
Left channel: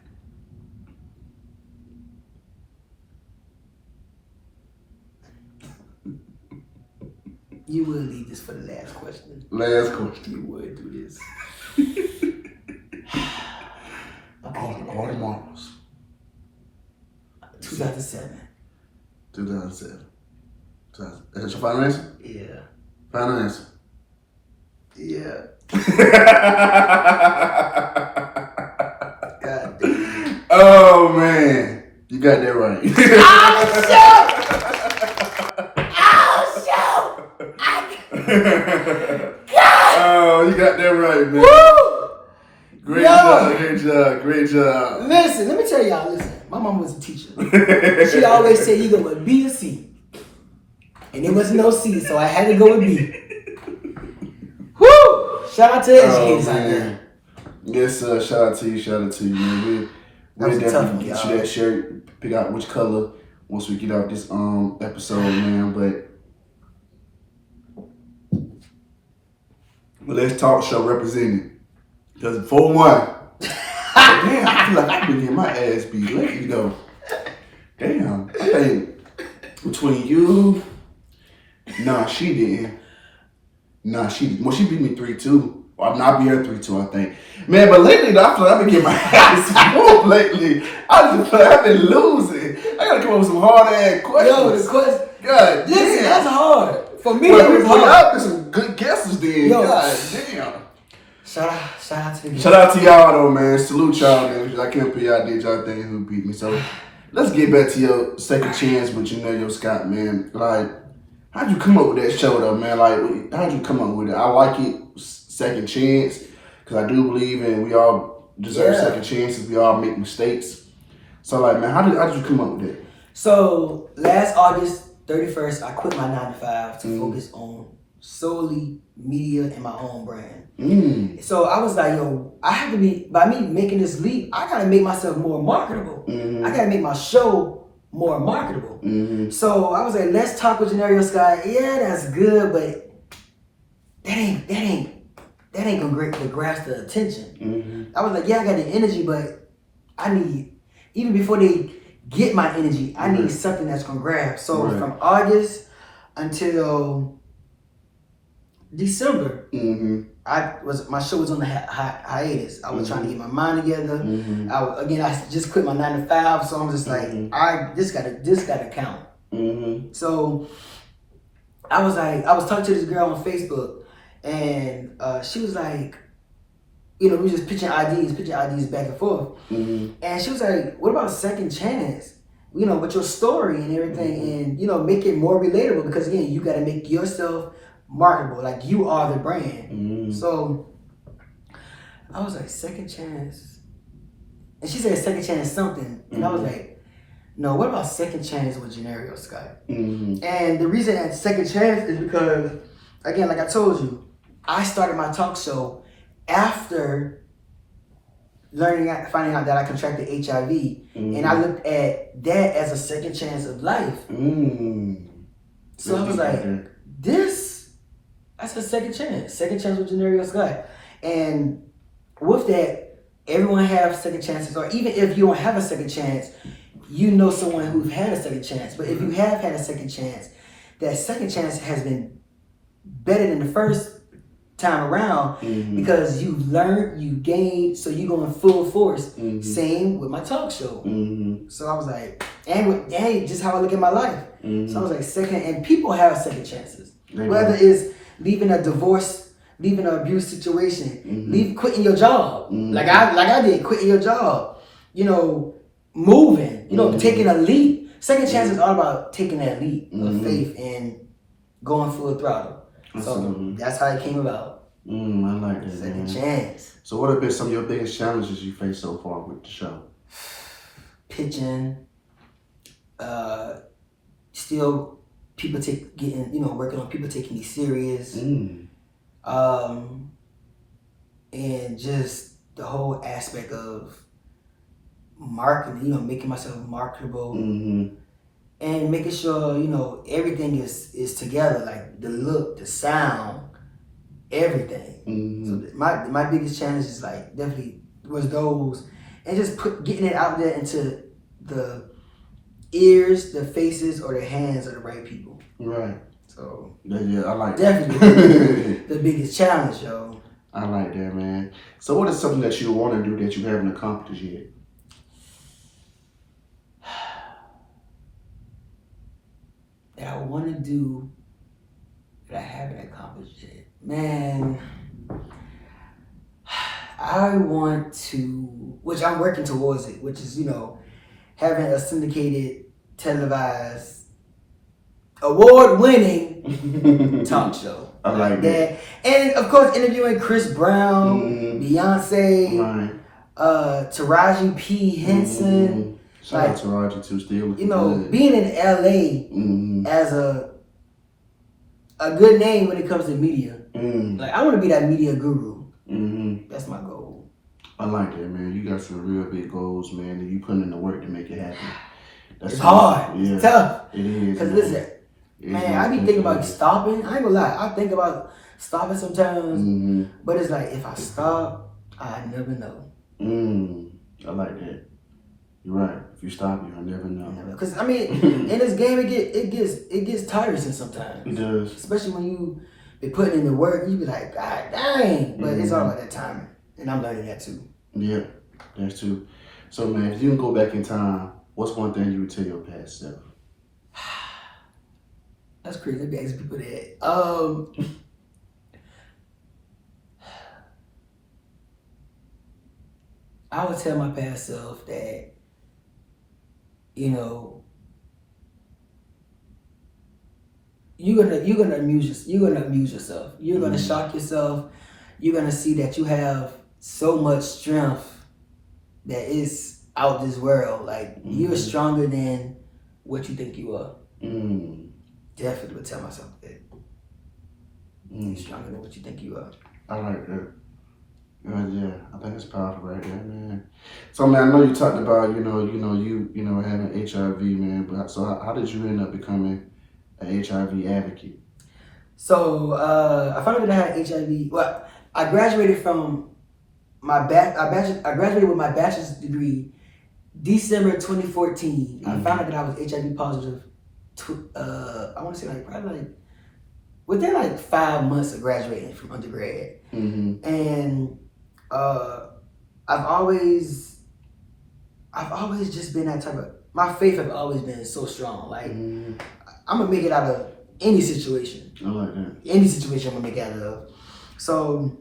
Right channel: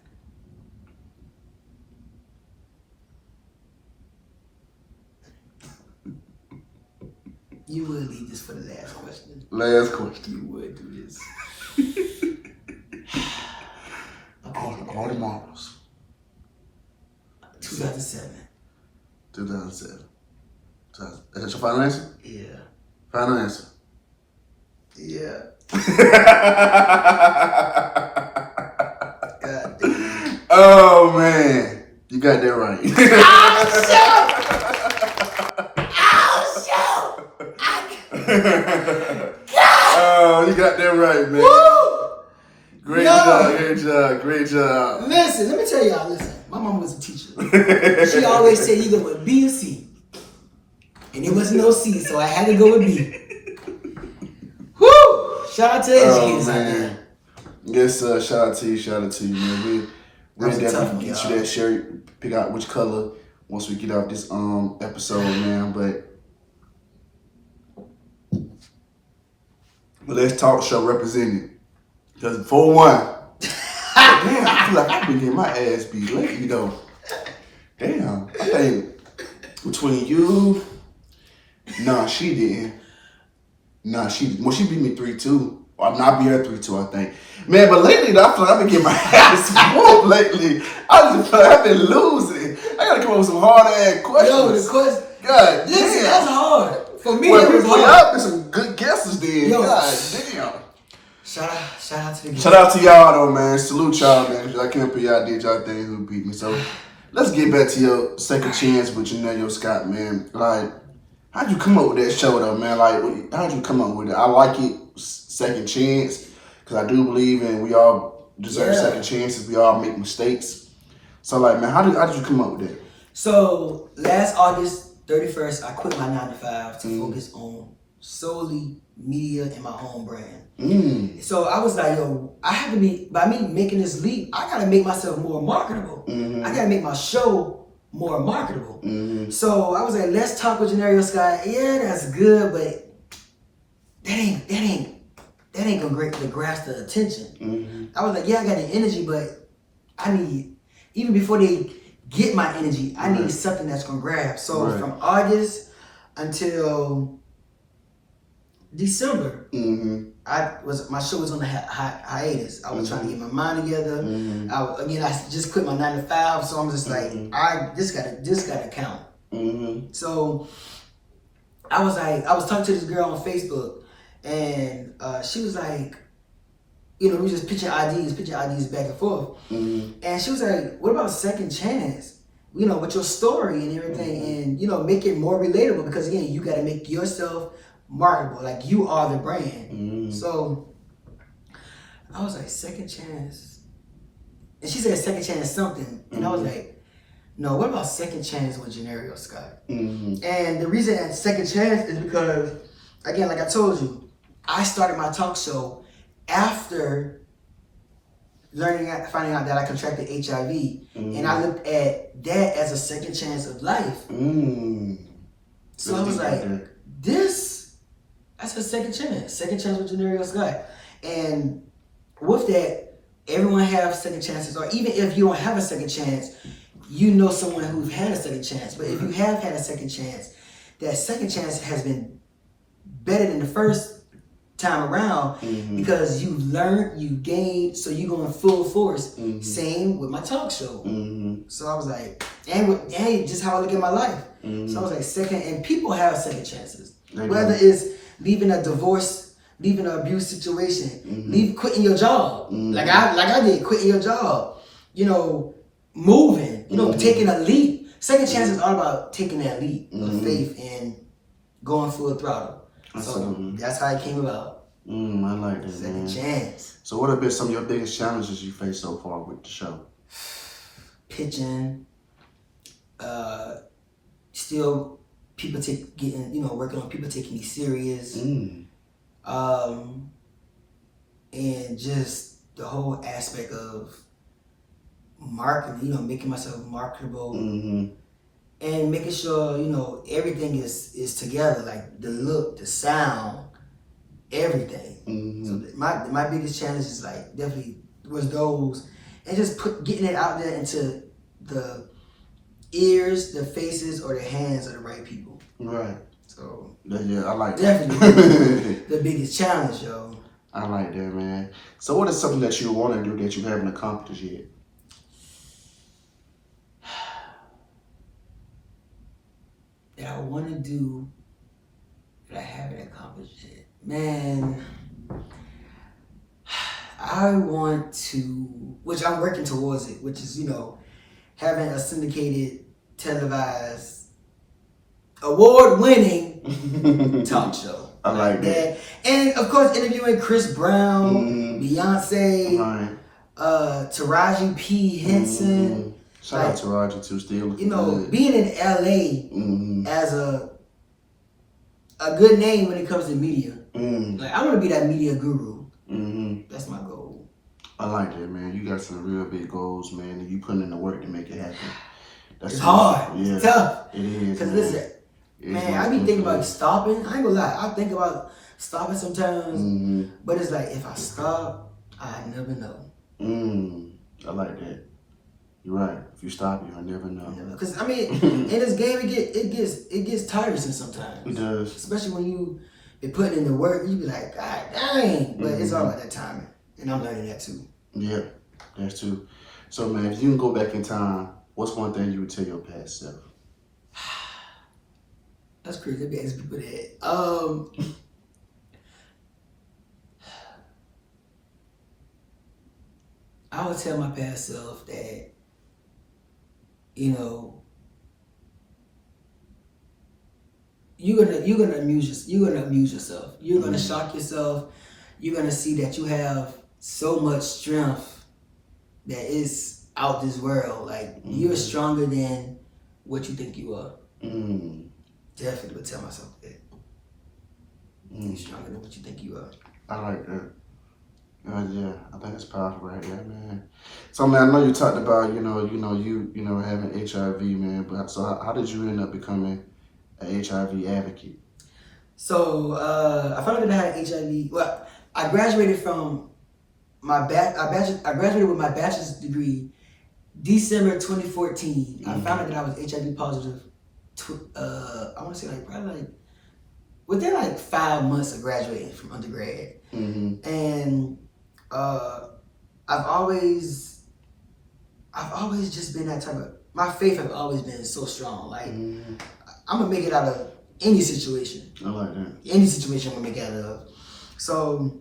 You would leave this for the last question. Last question. You would do this. All the marbles. 2007. 2007. Is that your final answer? Yeah. Final answer. Yeah. God damn. Oh man, you got that right. Oh, you got that right, man. Woo! Great job. Listen, let me tell y'all, my mama was a teacher. She always said you go with B or C. And there was no C, so I had to go with B. Woo! Shout out to the educators out there. Yes, shout out to you, man. We'll definitely get you that shirt. Pick out which color once we get off this episode, man. But Let's Talk Show represented. Because 4-1. Damn, I feel like I've been getting my ass beat lately, though. Damn, I think between you, she didn't. She beat me 3-2. Or I beat her 3-2, I think. Man, but lately, I feel like I've been getting my ass whooped lately. I just feel like I've been losing. I gotta come up with some hard-ass questions. Yo, the question. God listen, damn. that's hard. For me, it was hard. Y'all been some good guesses then. Yo. God damn. Shout out to the Shout out to y'all though, man. Salute y'all, man. I can't put y'all did y'all thing who beat me. So let's get back to your second chance with JOHNERIO Scott, man. Like, how'd you come up with that show though, man? Like, how'd you come up with it? I like it, second chance, because I do believe in we all deserve second chances. We all make mistakes. So like, man, how did you come up with that? So last August 31st, I quit my 9-to-5 to focus on solely media and my own brand. So I was like, yo, I have to by me making this leap, I gotta make myself more marketable. I gotta make my show more marketable. Mm-hmm. So I was like, let's talk with JOHNERIO Scott. Yeah, that's good, but that ain't gonna grasp the attention. Mm-hmm. I was like, yeah, I got the energy, but I need, even before they get my energy, I need something that's gonna grab. So from August until December, my show was on the hiatus. I was trying to get my mind together. I just quit my 9 to 5, so I'm just like, this gotta count. So I was talking to this girl on Facebook, and she was like, we were just pitching ideas back and forth. And she was like, what about second chance? With your story and everything, and make it more relatable, because again, you got to make yourself marketable, like you are the brand. So I was like, second chance, and she said second chance something, and I was like, no, what about second chance with JOHNERIO Scott? And the reason that second chance is because, again, like I told you, I started my talk show after finding out that I contracted HIV, and I looked at that as a second chance of life. So I was like, that's a second chance with JOHNERIO Scott. And with that, everyone has second chances, or even if you don't have a second chance, someone who's had a second chance. But if you have had a second chance, that second chance has been better than the first time around, because you learned, you gained, so you go in full force. Same with my talk show. So I was like, and just how I look at my life. So I was like, second, and people have second chances. Whether it's leaving a divorce, leaving an abuse situation, quitting your job, like I did, quitting your job, moving, taking a leap. Second chance is all about taking that leap of faith and going full throttle. So that's how it came about. I like that. Second chance. So what have been some of your biggest challenges you faced so far with the show? Pitching, still people working on people taking me serious, and just the whole aspect of marketing, making myself marketable, and making sure everything is together, like the look, the sound, everything. So my biggest challenge is like definitely was those, and just getting it out there into the ears, the faces, or the hands of the right people. Right. So yeah, I like definitely the biggest challenge, yo. I like that, man. So what is something that you want to do that you haven't accomplished yet? That I want to do that I haven't accomplished yet, man. I want to, which I'm working towards it, which is having a syndicated, televised, award-winning talk show. I like that. And of course, interviewing Chris Brown, Beyonce, Taraji P. Henson. Shout out to Taraji too, still. Being in LA as a good name when it comes to media. Like, I want to be that media guru. That's my goal. I like that, man. You got some real big goals, man, and you putting in the work to make it happen. It's hard. Yeah. It's tough. It is. Because listen, man, I be thinking about stopping. I ain't gonna lie. I think about stopping sometimes. But it's like, if I stop, I never know. I like that. You're right. If you stop, you'll never know. Because in this game, it gets tiresome sometimes. It does. Especially when you be putting in the work, you be like, God dang. But it's all about that timing, and I'm learning that too. Yeah, that's true. So man, if you can go back in time, what's one thing you would tell your past self? That's crazy. Let me ask people that. I would tell my past self that, you're gonna amuse yourself. You're gonna shock yourself. You're gonna see that you have so much strength that is out this world. Like, you're stronger than what you think you are. Definitely would tell myself that. You're stronger than what you think you are. I like that. Yeah, I think it's powerful right there, man. So, man, I know you talked about, having HIV, man. But so, how did you end up becoming an HIV advocate? So I found out that I had HIV. Well, I graduated from I graduated with my bachelor's degree December 2014. I found out that I was HIV positive. I want to say like probably like within like 5 months of graduating from undergrad, and uh, I've always just been that type of. My faith has always been so strong. Like I'm gonna make it out of any situation. I like that. Any situation I'm gonna make it out of. So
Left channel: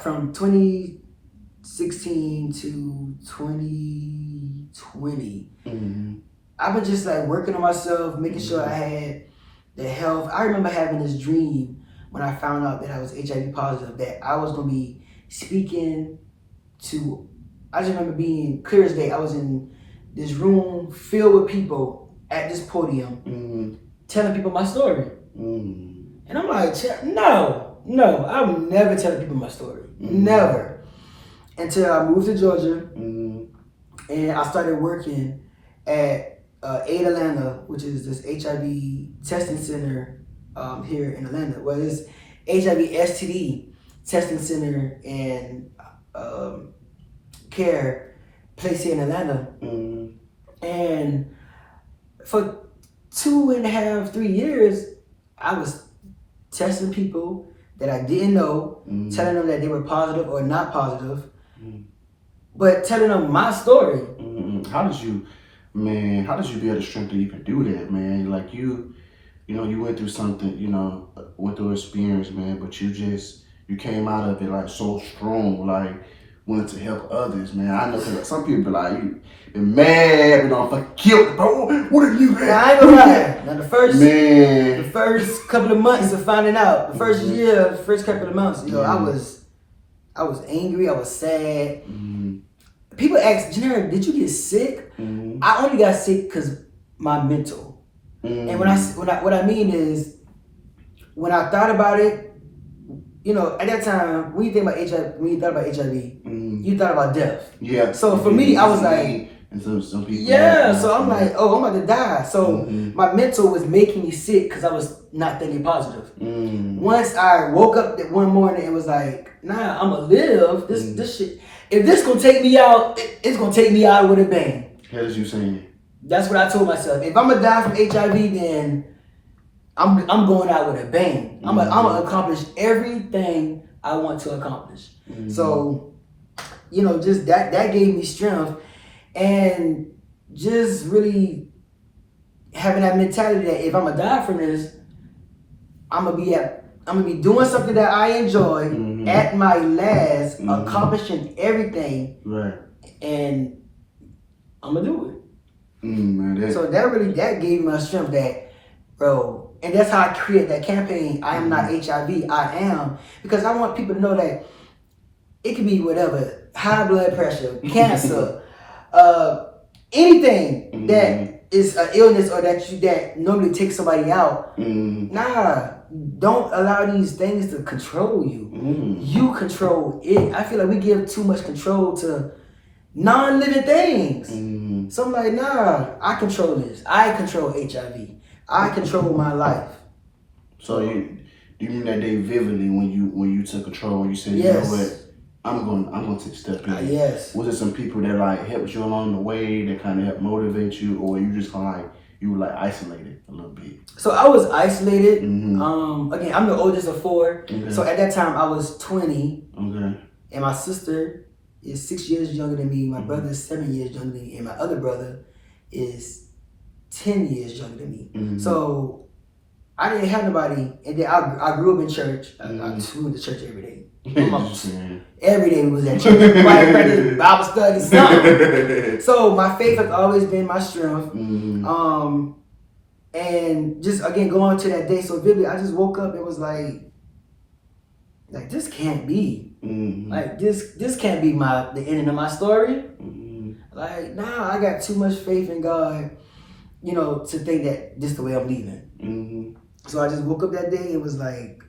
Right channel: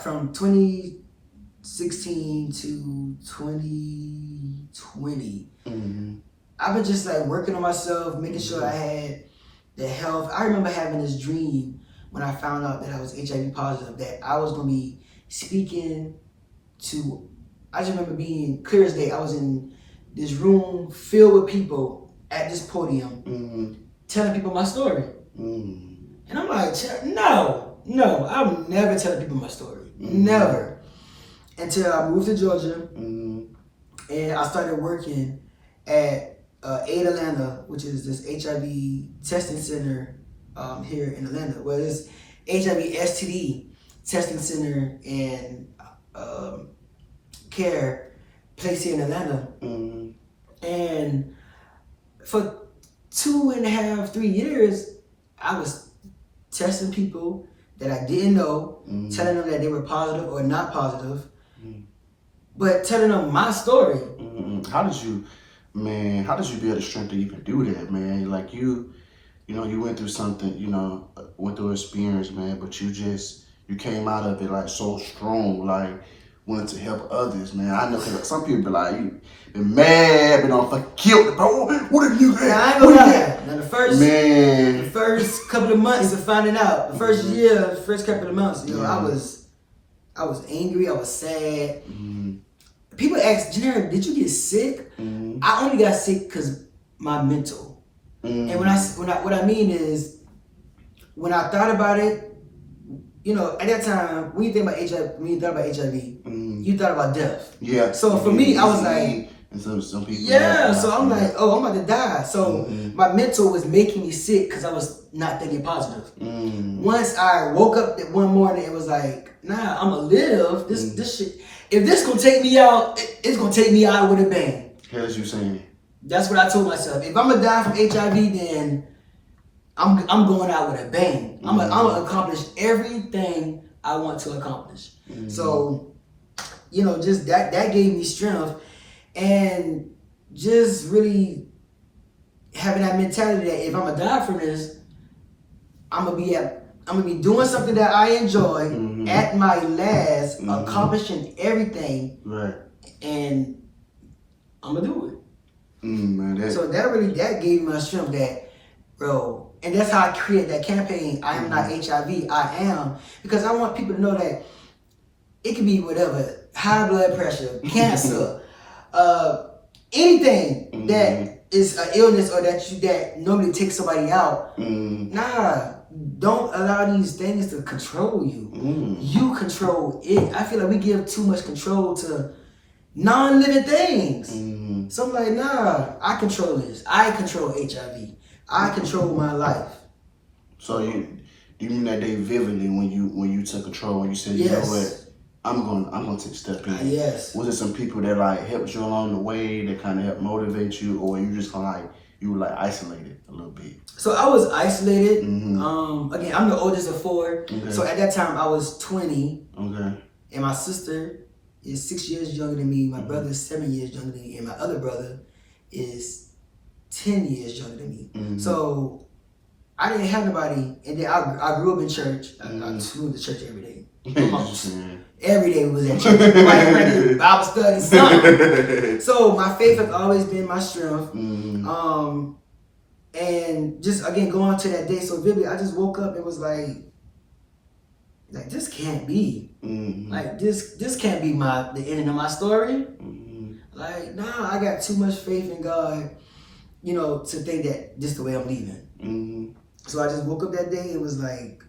from 2016 to 2020, I've been just like working on myself, making sure I had the health. I remember having this dream when I found out that I was HIV positive, that I was gonna be speaking to. I just remember being clear as day. I was in this room filled with people at this podium, telling people my story, and I'm like, no, I'm never telling people my story, never, until I moved to Georgia, and I started working at Aid Atlanta, which is this HIV testing center here in Atlanta. Well, it's HIV STD testing center and care place here in Atlanta. And for 2.5, 3 years, I was testing people that I didn't know, telling them that they were positive or not positive, but telling them my story. How did you be able to strength to even do that, man? Like you went through something, went through experience, man, but you came out of it like so strong, like wanted to help others, man. I know cause some people be like, you been mad, been on fucking killed, bro. What did you get? Now, I ain't gonna lie. Now the first couple of months of finding out, the first year, first couple of months, I was angry, I was sad. People ask, Jahnerio, did you get sick? I only got sick because my mental. And what I mean is, when I thought about it, at that time, when you think about HIV, when you thought about HIV, you thought about death. Yeah. So for me, I was like, and some people. yeah. So I'm like, oh, I'm about to die. So my mental was making me sick because I was not thinking positive. Once I woke up that one morning, it was like, nah, I'm gonna live. This shit. If this gonna take me out, it's gonna take me out with a bang. As you saying. That's what I told myself. If I'm gonna die from HIV, then I'm going out with a bang. I'm gonna accomplish everything I want to accomplish. So, just that gave me strength, and just really having that mentality that if I'm gonna die from this, I'm gonna be doing something that I enjoy at my last, accomplishing everything, right? And I'm gonna do it. Man, So that gave me strength, that, bro. And that's how I create that campaign. I am not HIV. I am, because I want people to know that it can be whatever, high blood pressure, cancer, anything that is an illness or that normally takes somebody out. Nah, don't allow these things to control you. You control it. I feel like we give too much control to non-living things. So I'm like, nah, I control this. I control HIV. I control my life. So you remember that day vividly when you took control and you said, yes, you know what, I'm gonna take a step in. Yes. Was it some people that like helped you along the way that kind of helped motivate you, or you just kind of like you were like isolated a little bit? So I was isolated. Again, I'm the oldest of 4. Okay. So at that time I was 20. Okay. And my sister is 6 years younger than me. My brother is 7 years younger than me, and my other brother is 10 years younger than me. So I didn't have nobody. And then I grew up in church. I went to church every day. Every day we was at church. Right, Bible study, something. So my faith has always been my strength. And just again going to that day so vividly, I just woke up and was like this can't be. Like this can't be the ending of my story. Like, nah, I got too much faith in God, to think that this is the way I'm leaving. So I just woke up that day. It was like,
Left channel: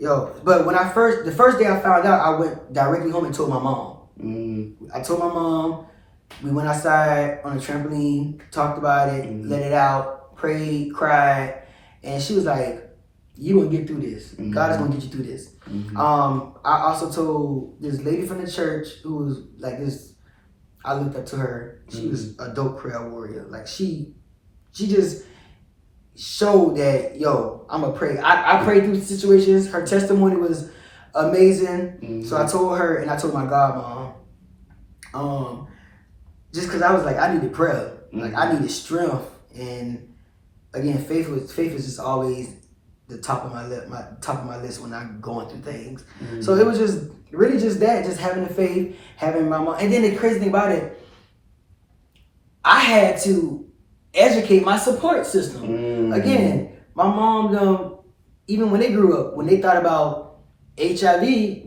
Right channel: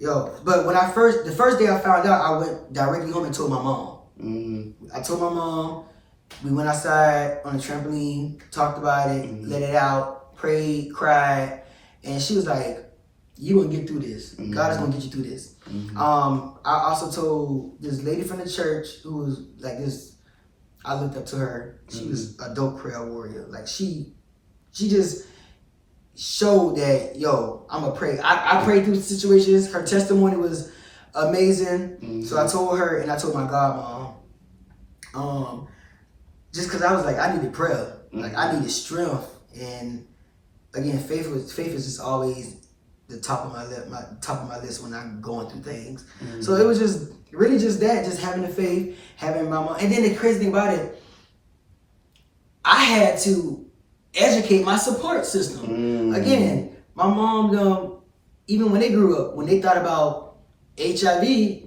But when the first day I found out, I went directly home and told my mom. I told my mom. We went outside on a trampoline, talked about it, let it out, prayed, cried, and she was like, "You gonna get through this. God is gonna get you through this." I also told this lady from the church who was like this. I looked up to her. She was a dope prayer warrior. Like she just showed that, I'm a pray. I prayed through situations. Her testimony was amazing. So I told her, and I told my godmom, just because I was like, I needed prayer. Like I needed strength. And again, faith is just always the top of my list when I'm going through things. So it was just really just that, just having the faith, having my mom. And then the crazy thing about it, I had to educate my support system. Again, my mom, even when they grew up, when they thought about HIV,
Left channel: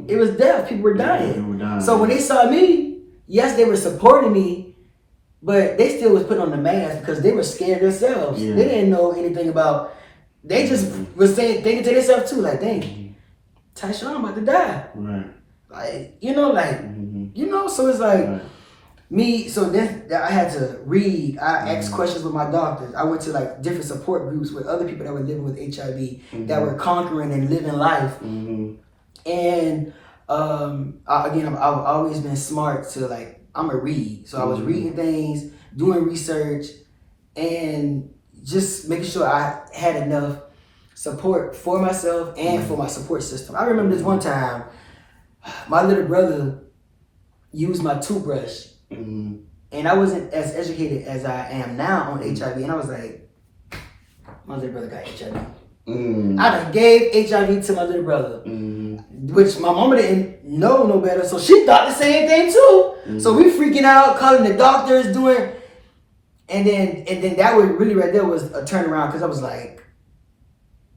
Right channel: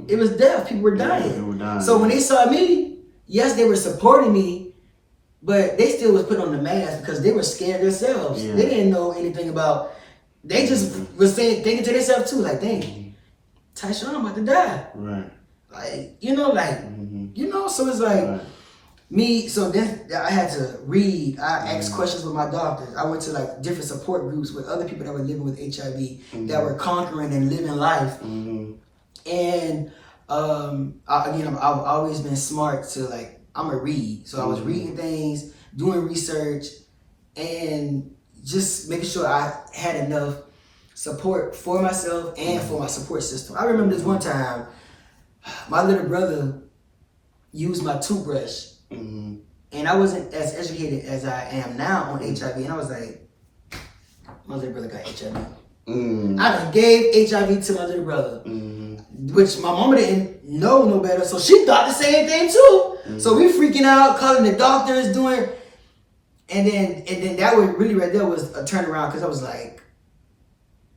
it was death. People were dying. So when they saw me, yes, they were supporting me, but they still was putting on the mask because they were scared themselves. They didn't know anything about. They just was thinking to themselves too, like, dang, Tyshawn about to die. Right. Like, so it's like me. So then I had to read. I asked questions with my doctors. I went to like different support groups with other people that were living with HIV, that were conquering and living life. And I've always been smart to like, I'm a read. So I was reading things, doing research, and just making sure I had enough support for myself and for my support system. I remember this one time, my little brother used my toothbrush, and I wasn't as educated as I am now on HIV, and I was like, my little brother got HIV. I done gave HIV to my little brother, which my mama didn't know no better, so she thought the same thing too. So we freaking out, calling the doctors, doing, and then that was really right there was a turnaround, because I was like,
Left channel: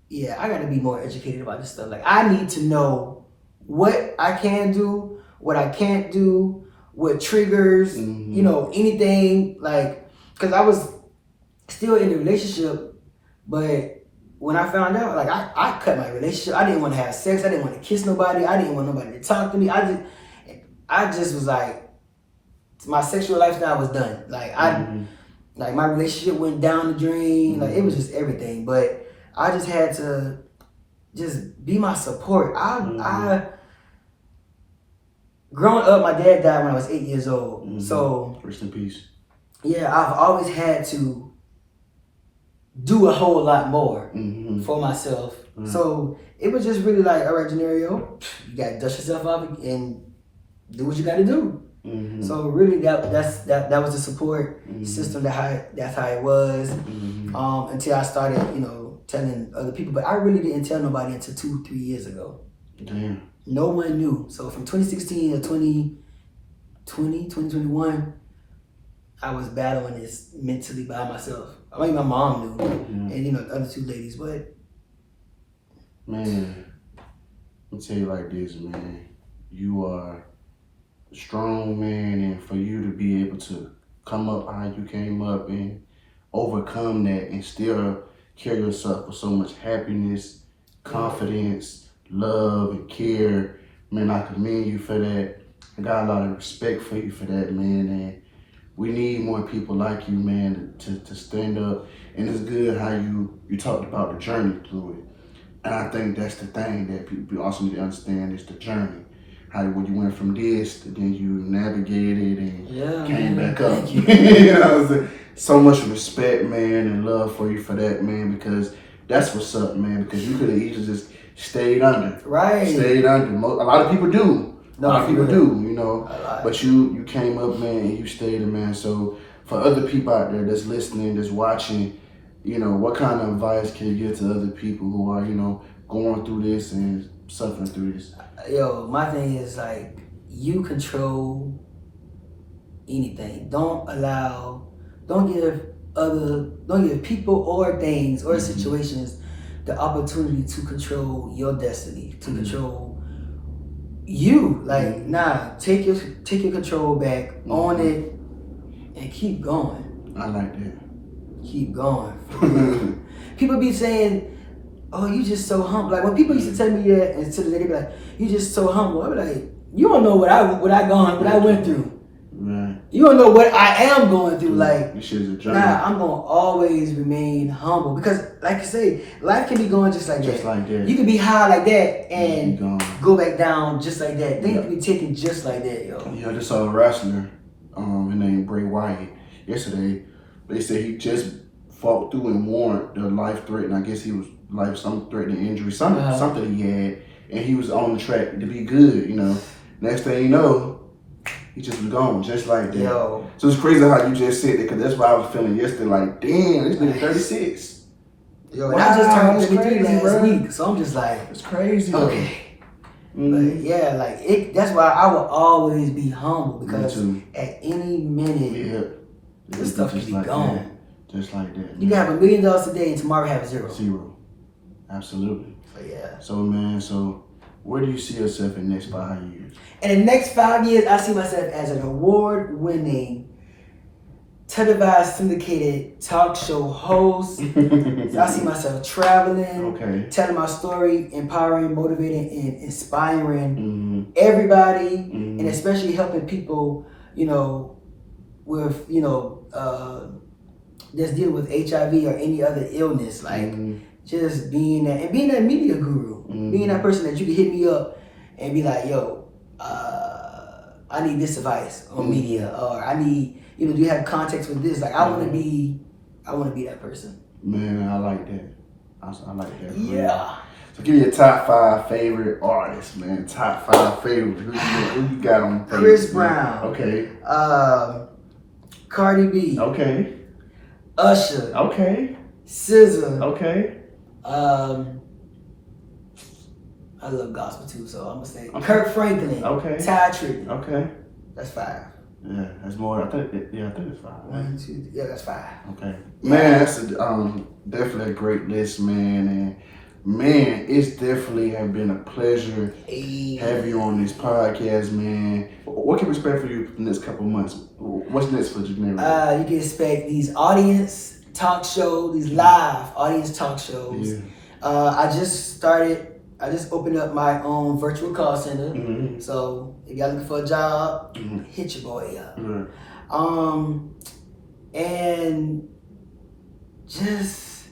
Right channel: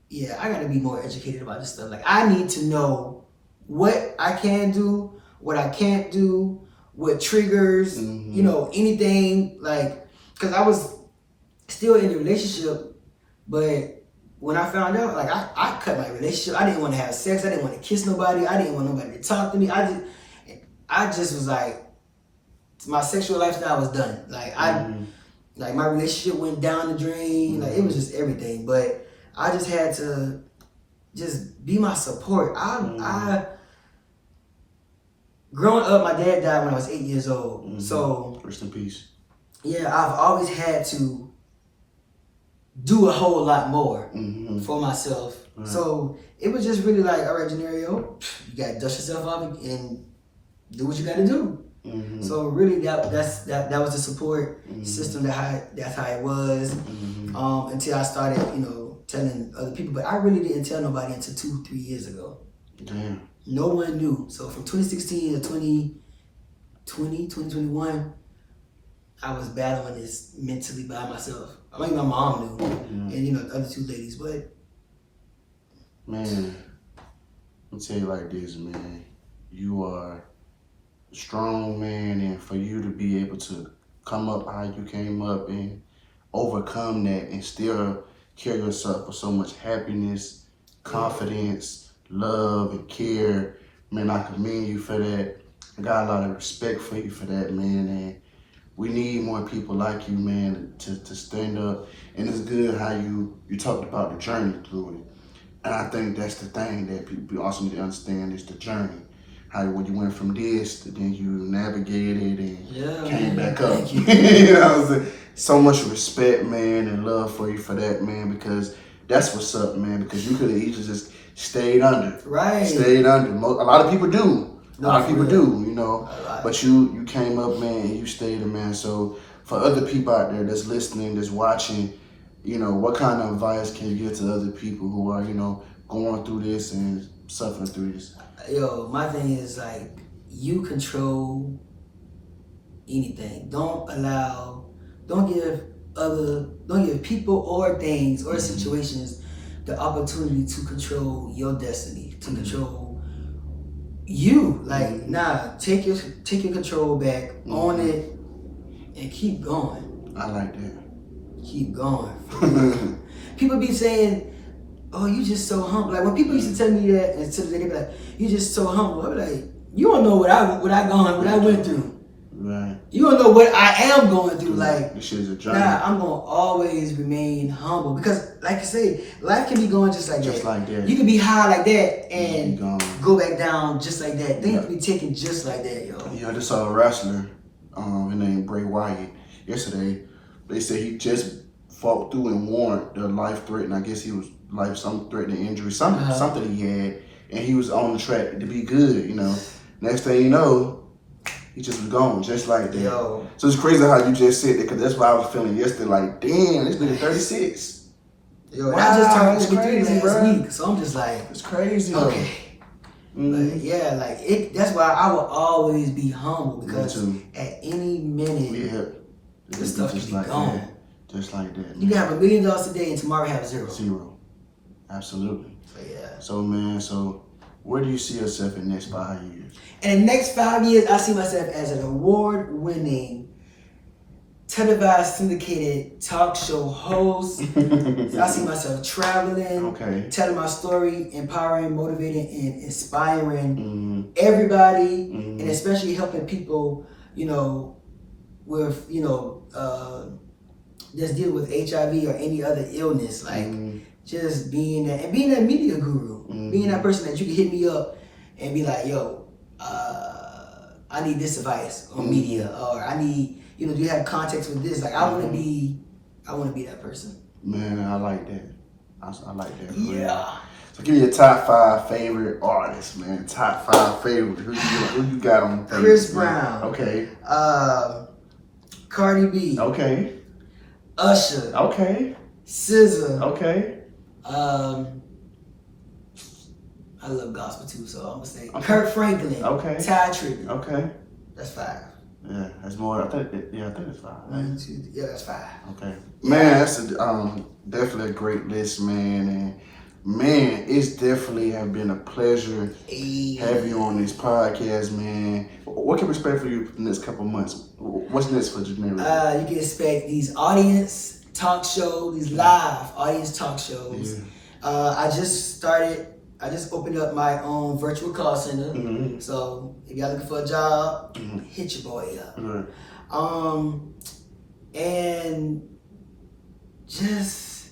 yeah, I gotta be more educated about this stuff. Like I need to know what I can do, what I can't do, what triggers, anything, like, because I was still in a relationship, but when I found out, like, I cut my relationship. I didn't want to have sex. I didn't want to kiss nobody. I didn't want nobody to talk to me. I just was like, my sexual lifestyle was done. Like, like my relationship went down the drain. Like, it was just everything. But I just had to just be my support. I growing up, my dad died when I was 8 years old. So rest in peace. Yeah, I've always had to do a whole lot more for myself. So it was just really like, all right, JOHNERIO, you gotta dust yourself off and do what you gotta do. So really that was the support system, that's how it was, until I started, telling other people. But I really didn't tell nobody until 2-3 years ago. Damn. No one knew. So from 2016 to 2021, I was battling this mentally by myself. I mean, my mom knew, and the other two ladies, but man, I'll tell you like this, man. You are a strong man, and for you to be able to come up how you came up and overcome that and still carry yourself with so much happiness, confidence, love, and care, man, I commend you for that. I got a lot of respect for you for that, man, and we need more people like you, man, to stand up. And it's good how you talked about the journey through it. And I think that's the thing that people also need to understand is the journey. How when you went from this to then you navigated and came back up. Thank you. You know what I'm saying? So much respect, man, and love for you for that, man, because that's what's up, man, because you could have easily just stayed under. Right. Stayed under. A lot of people do. A lot of people do, but you came up, man, and you stayed a man. So for other people out there that's listening, that's watching, what kind of advice can you give to other people who are, going through this and suffering through this? My thing is like, you control anything. Don't give people or things or situations the opportunity to control your destiny, to control you. Like, take your control back, own it, and keep going. I like that. Keep going. People be saying, oh, you just so humble. Like when people used to tell me that, and to the day they be like, you just so humble. I be like, you don't know what I went through. Right. You don't know what I am going through. Like, this shit is a journey. nah, I'm gonna always remain humble because, like you say, life can be going just like that. Just like that. You can be high like that and go back down just like that. Things can be taken just like that, yo. Yeah, I just saw a wrestler, his name Bray Wyatt, yesterday. They said he just fought through and won the life-threatening. I guess he was life-threatening injury, something he had, and he was on the track to be good. You know, next thing you know, he just was gone, just like that. Yo. So it's crazy how you just said that, because that's what I was feeling yesterday. Like, damn, this nigga 36. Yo, and I just turned 33 last bro. week, so I'm just like, it's crazy. Okay. But yeah, like that's why I will always be humble, because at any minute, this stuff can be gone. That. Just like that. You can have $1 million today and tomorrow have zero. Zero. Absolutely. So yeah. So man, where do you see yourself in the next 5 years? In the next 5 years, I see myself as an award-winning, televised, syndicated talk show host. I see myself traveling, telling my story, empowering, motivating, and inspiring everybody, and especially helping people, you know, with, you know, that's dealing with HIV or any other illness. Like, just being that, and being that media guru, being that person that you can hit me up and be like, yo, I need this advice on media, or I need, you know, do you have context with this? Like, I want to be that person. Man, I like that. I like that. Yeah. So give me your top 5 favorite artists, man. Top 5 favorite. Who you got on? Chris Brown. Okay. Cardi B. Okay. Usher. Okay. SZA. Okay. I love gospel too, so I'm gonna say Kirk Franklin. Okay. Ty Tribbett. Okay. That's 5. Yeah, that's more. I think it's 5. Right? 1, 2, yeah, that's 5. Okay. Man, that's definitely a great list, man. And man, it's definitely have been a pleasure having you on this podcast, man. What can we expect for you in the next couple months? What's next for JOHNERIO? You can expect these audience talk shows, these live audience talk shows. Yeah. I just opened up my own virtual call center. So if y'all looking for a job, hit your boy up. And just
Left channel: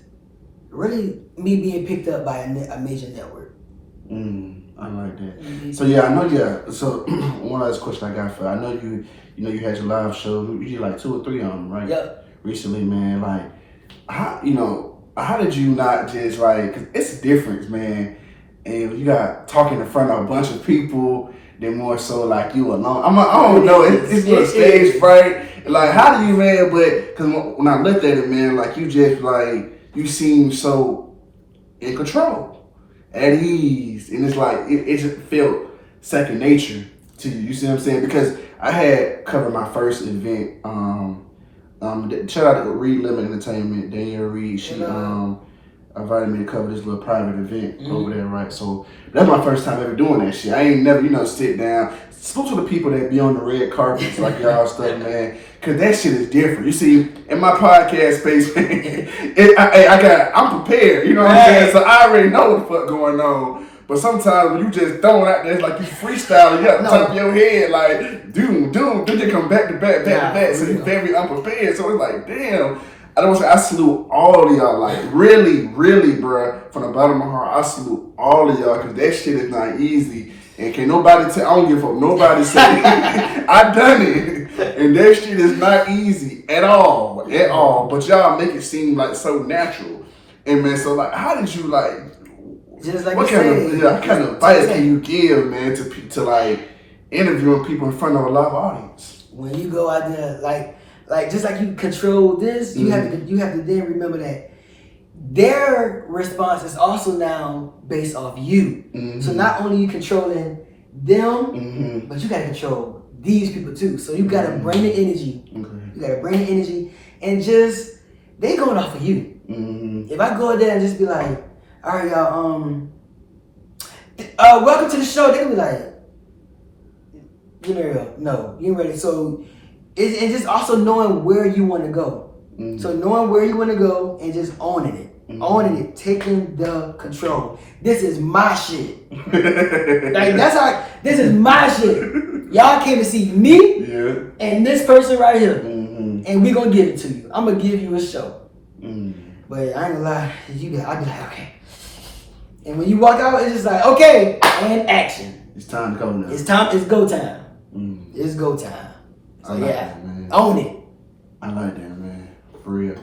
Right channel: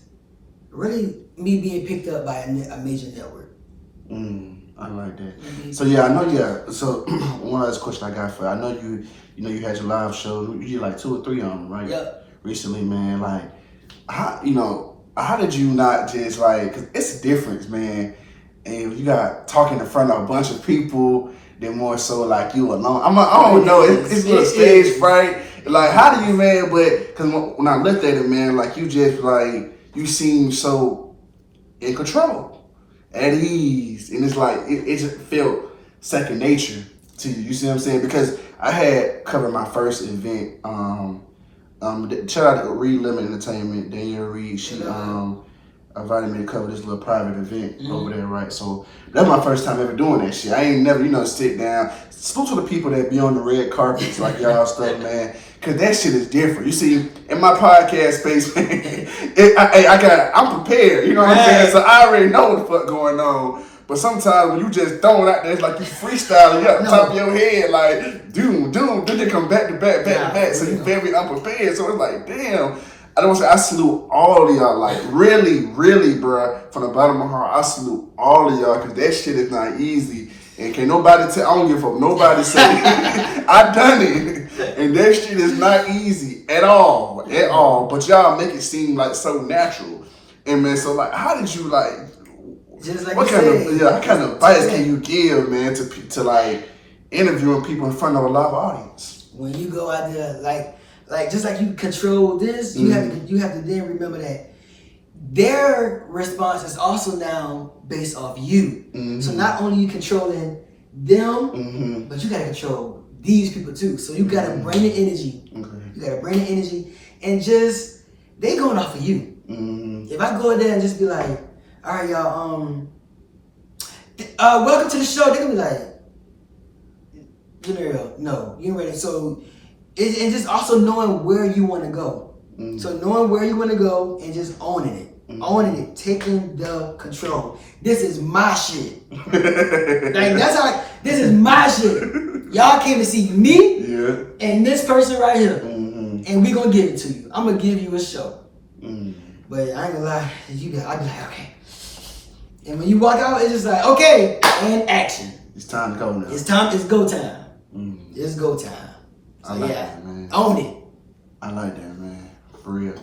really me being picked up by a major network. I like that. So yeah, I know. Yeah. So one last question I got for you. I know you had your live show. You did like 2 or 3 of them, right? Yep. Recently, man. Like, how did you not just like? Cause it's a difference, man. And you got talking in front of a bunch of people, then more so like you alone. I don't know. It's a little stage fright. Like, how do you, man? But because when I looked at it, man, like you just like you seem so in control, at ease, and it's like it just felt second nature to you. You see what I'm saying? Because I had covered my first event. Shout out to Reed Lemon Entertainment, Danielle Reed. She invited me to cover this little private event over there, right? So that's my first time ever doing that shit. I ain't never, sit down, spoke to the people that be on the red carpets like y'all stuff, man. Cause that shit is different. You see, in my podcast space, man, I'm prepared. You know what I'm saying? So I already know what the fuck going on. But sometimes when you just throw it out there, it's like you freestyling, you at the top of your head, like, doom, they come back to back. So you very unprepared. So it's like, damn. I don't want to say I salute all of y'all, like really, bruh, from the bottom of my heart. I salute all of y'all, because that shit is not easy. And can nobody tell, I don't give a fuck, nobody say, I done it. And that shit is not easy at all. But y'all make it seem like so natural. And man, so like, how did you like, just like what kind of advice can you give, man, to like interviewing people in front of a live audience? When you go out there, like just like you control this, you have to then remember that their response is also now based off you. So not only you controlling them, but you gotta control these people too. So you gotta bring the energy. You gotta bring the energy, and just they going off of you. If I go there and just be like, all right, y'all, welcome to the show, they're gonna be like, JOHNERIO, no, you ain't ready. So and just also knowing where you want to go. So knowing where you want to go and just owning it. owning it, taking the control. This is my shit. Like that's how. This is my shit. Y'all came to see me and this person right here, and we gonna give it to you. I'm gonna give you a show. But I ain't gonna lie, I'll be like, okay. And when you walk out, it's just like, okay, and action. It's time to go now. It's time. It's go time. It's go time. So I like that, man. Own it. I like that, man. For real.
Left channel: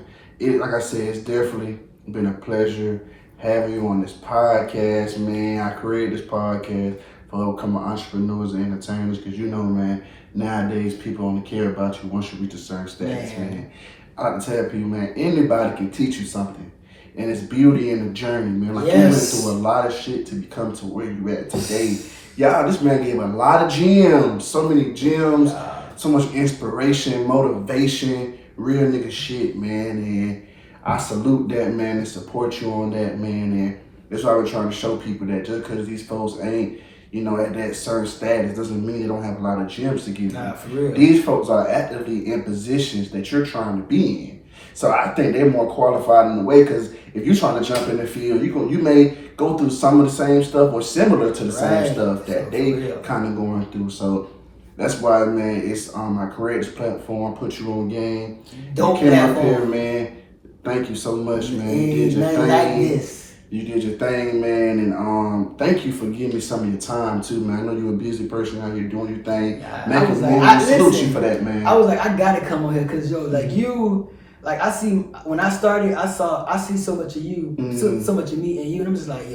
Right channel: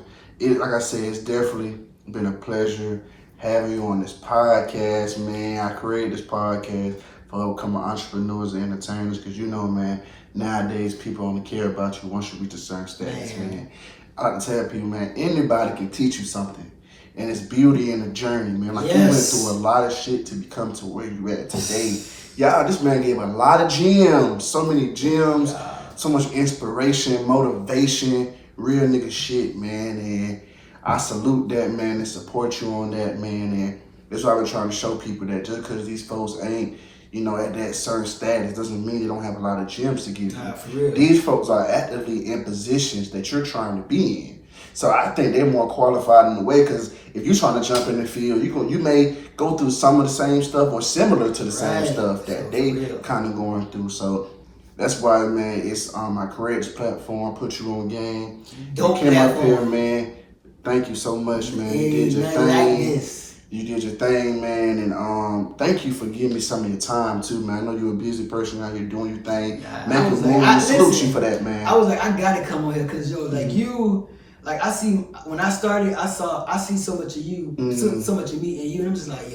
Like I said, it's definitely been a pleasure having you on this podcast, man. I created this podcast for upcoming entrepreneurs and entertainers because you know, man, nowadays people only care about you once you reach a certain status, man. I like to tell people, man, anybody can teach you something. And it's beauty in the journey, man. Like, you went through a lot of shit to become to where you at today. Y'all, this man gave a lot of gems. So many gems. So much inspiration, motivation, real nigga shit, man. And I salute that, man, and support you on that, man. And that's why we're trying to show people that just because these folks ain't, you know, at that certain status doesn't mean they don't have a lot of gems to give you. For real. These folks are actively in positions that you're trying to be in. So I think they're more qualified in a way because if you're trying to jump in the field, you may go through some of the same stuff or similar to the same stuff that they kind of going through. So that's why, man, it's I created this platform, put you on game. Dope came platform. up here, man. Thank you so much, man. You did your thing. Like this. You did your thing, man, and thank you for giving me some of your time too, man. I know you're a busy person out here doing your thing. Making moves. I salute you for that, man. I was like, I gotta come on here because like you. Like I see when I started, I see so much of you, so much of me and you, and I'm just like,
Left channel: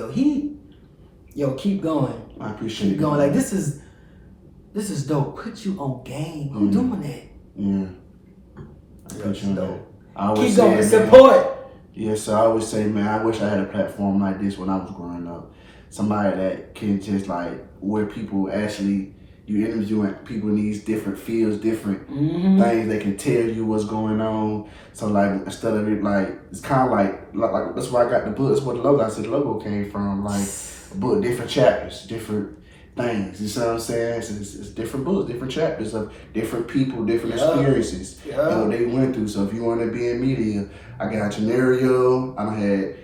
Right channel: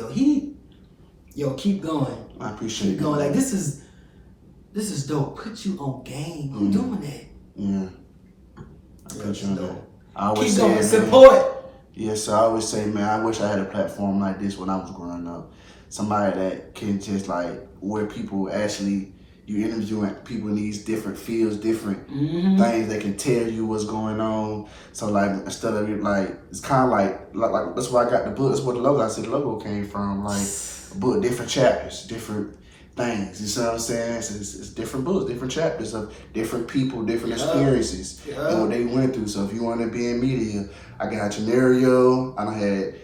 keep going. I appreciate it. Keep going. Like this is dope. Put you on game. Who doing that? Yeah. I appreciate that. I always keep going. Say, Support. Yes, I always say, man, I wish I had a platform like this when I was growing up. Somebody that can just like where people actually. You interviewing people in these different fields, different things that can tell you what's going on. So like instead of it like it's kind of like that's why I got the book. That's where the logo. I said the logo came from. Like a book, different chapters, different things. You see what I'm saying? It's different books, different chapters of different people, different experiences. You know they went through. So if you want to be in media, I got JOHNERIO. I done had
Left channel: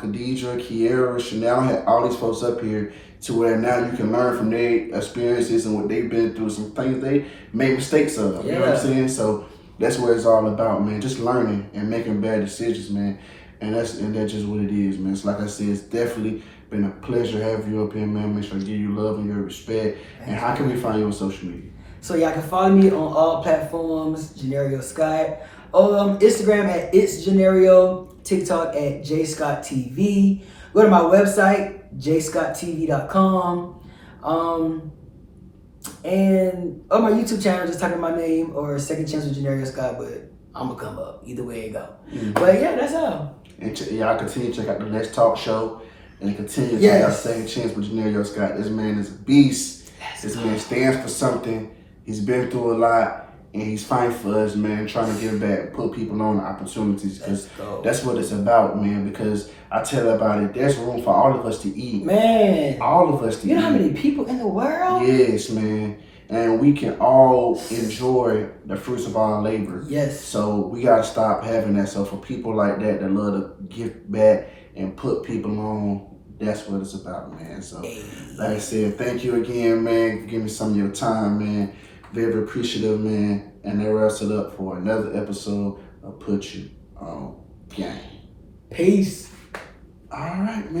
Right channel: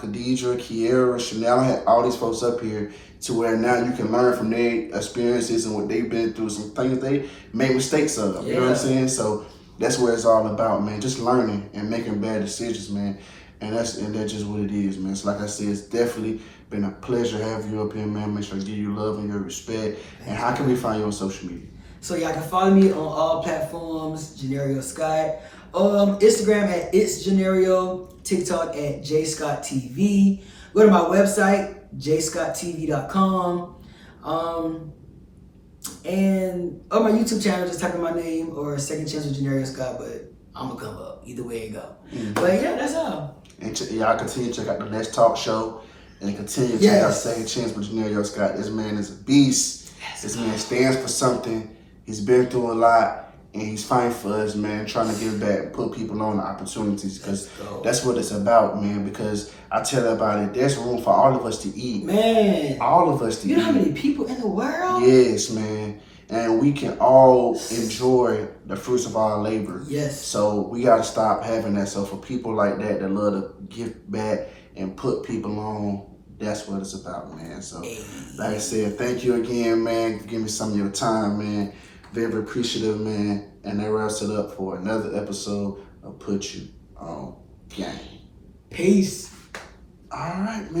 Khadijah, Kiera, Chanel. I had all these folks up here. To where now you can learn from their experiences and what they've been through, some things they made mistakes of. You know what I'm saying? So that's what it's all about, man. Just learning and making bad decisions, man. And that's just what it is, man. So like I said, it's definitely been a pleasure having you up here, man. Make sure I give you love and your respect. And how can we find you on social media? So y'all can follow me on all platforms, JOHNERIO Scott. Instagram at It's JOHNERIO, TikTok at JScottTV. Go to my website, jscotttv.com. And on my YouTube channel, just type in my name or Second Chance with JOHNERIO Scott, but I'm gonna come up. Either way it go. But yeah, that's all. And y'all continue to check out the Let's Talk show and continue to check out Second Chance with JOHNERIO Scott. This man is a beast. This man stands for something. He's been through a lot. And he's fighting for us, man, trying to give back and put people on the opportunities because that's what it's about, man, because I tell everybody there's room for all of us to eat. Man. All of us to eat. You know how many people in the world? Yes, man. And we can all enjoy the fruits of our labor. Yes. So we got to stop having that. So for people like that love to give back and put people on, that's what it's about, man. So like I said, thank you again, man, for giving me some of your time, man. Very appreciative, man. And that wraps it up for another episode of Put You On Game. Peace. All right, man.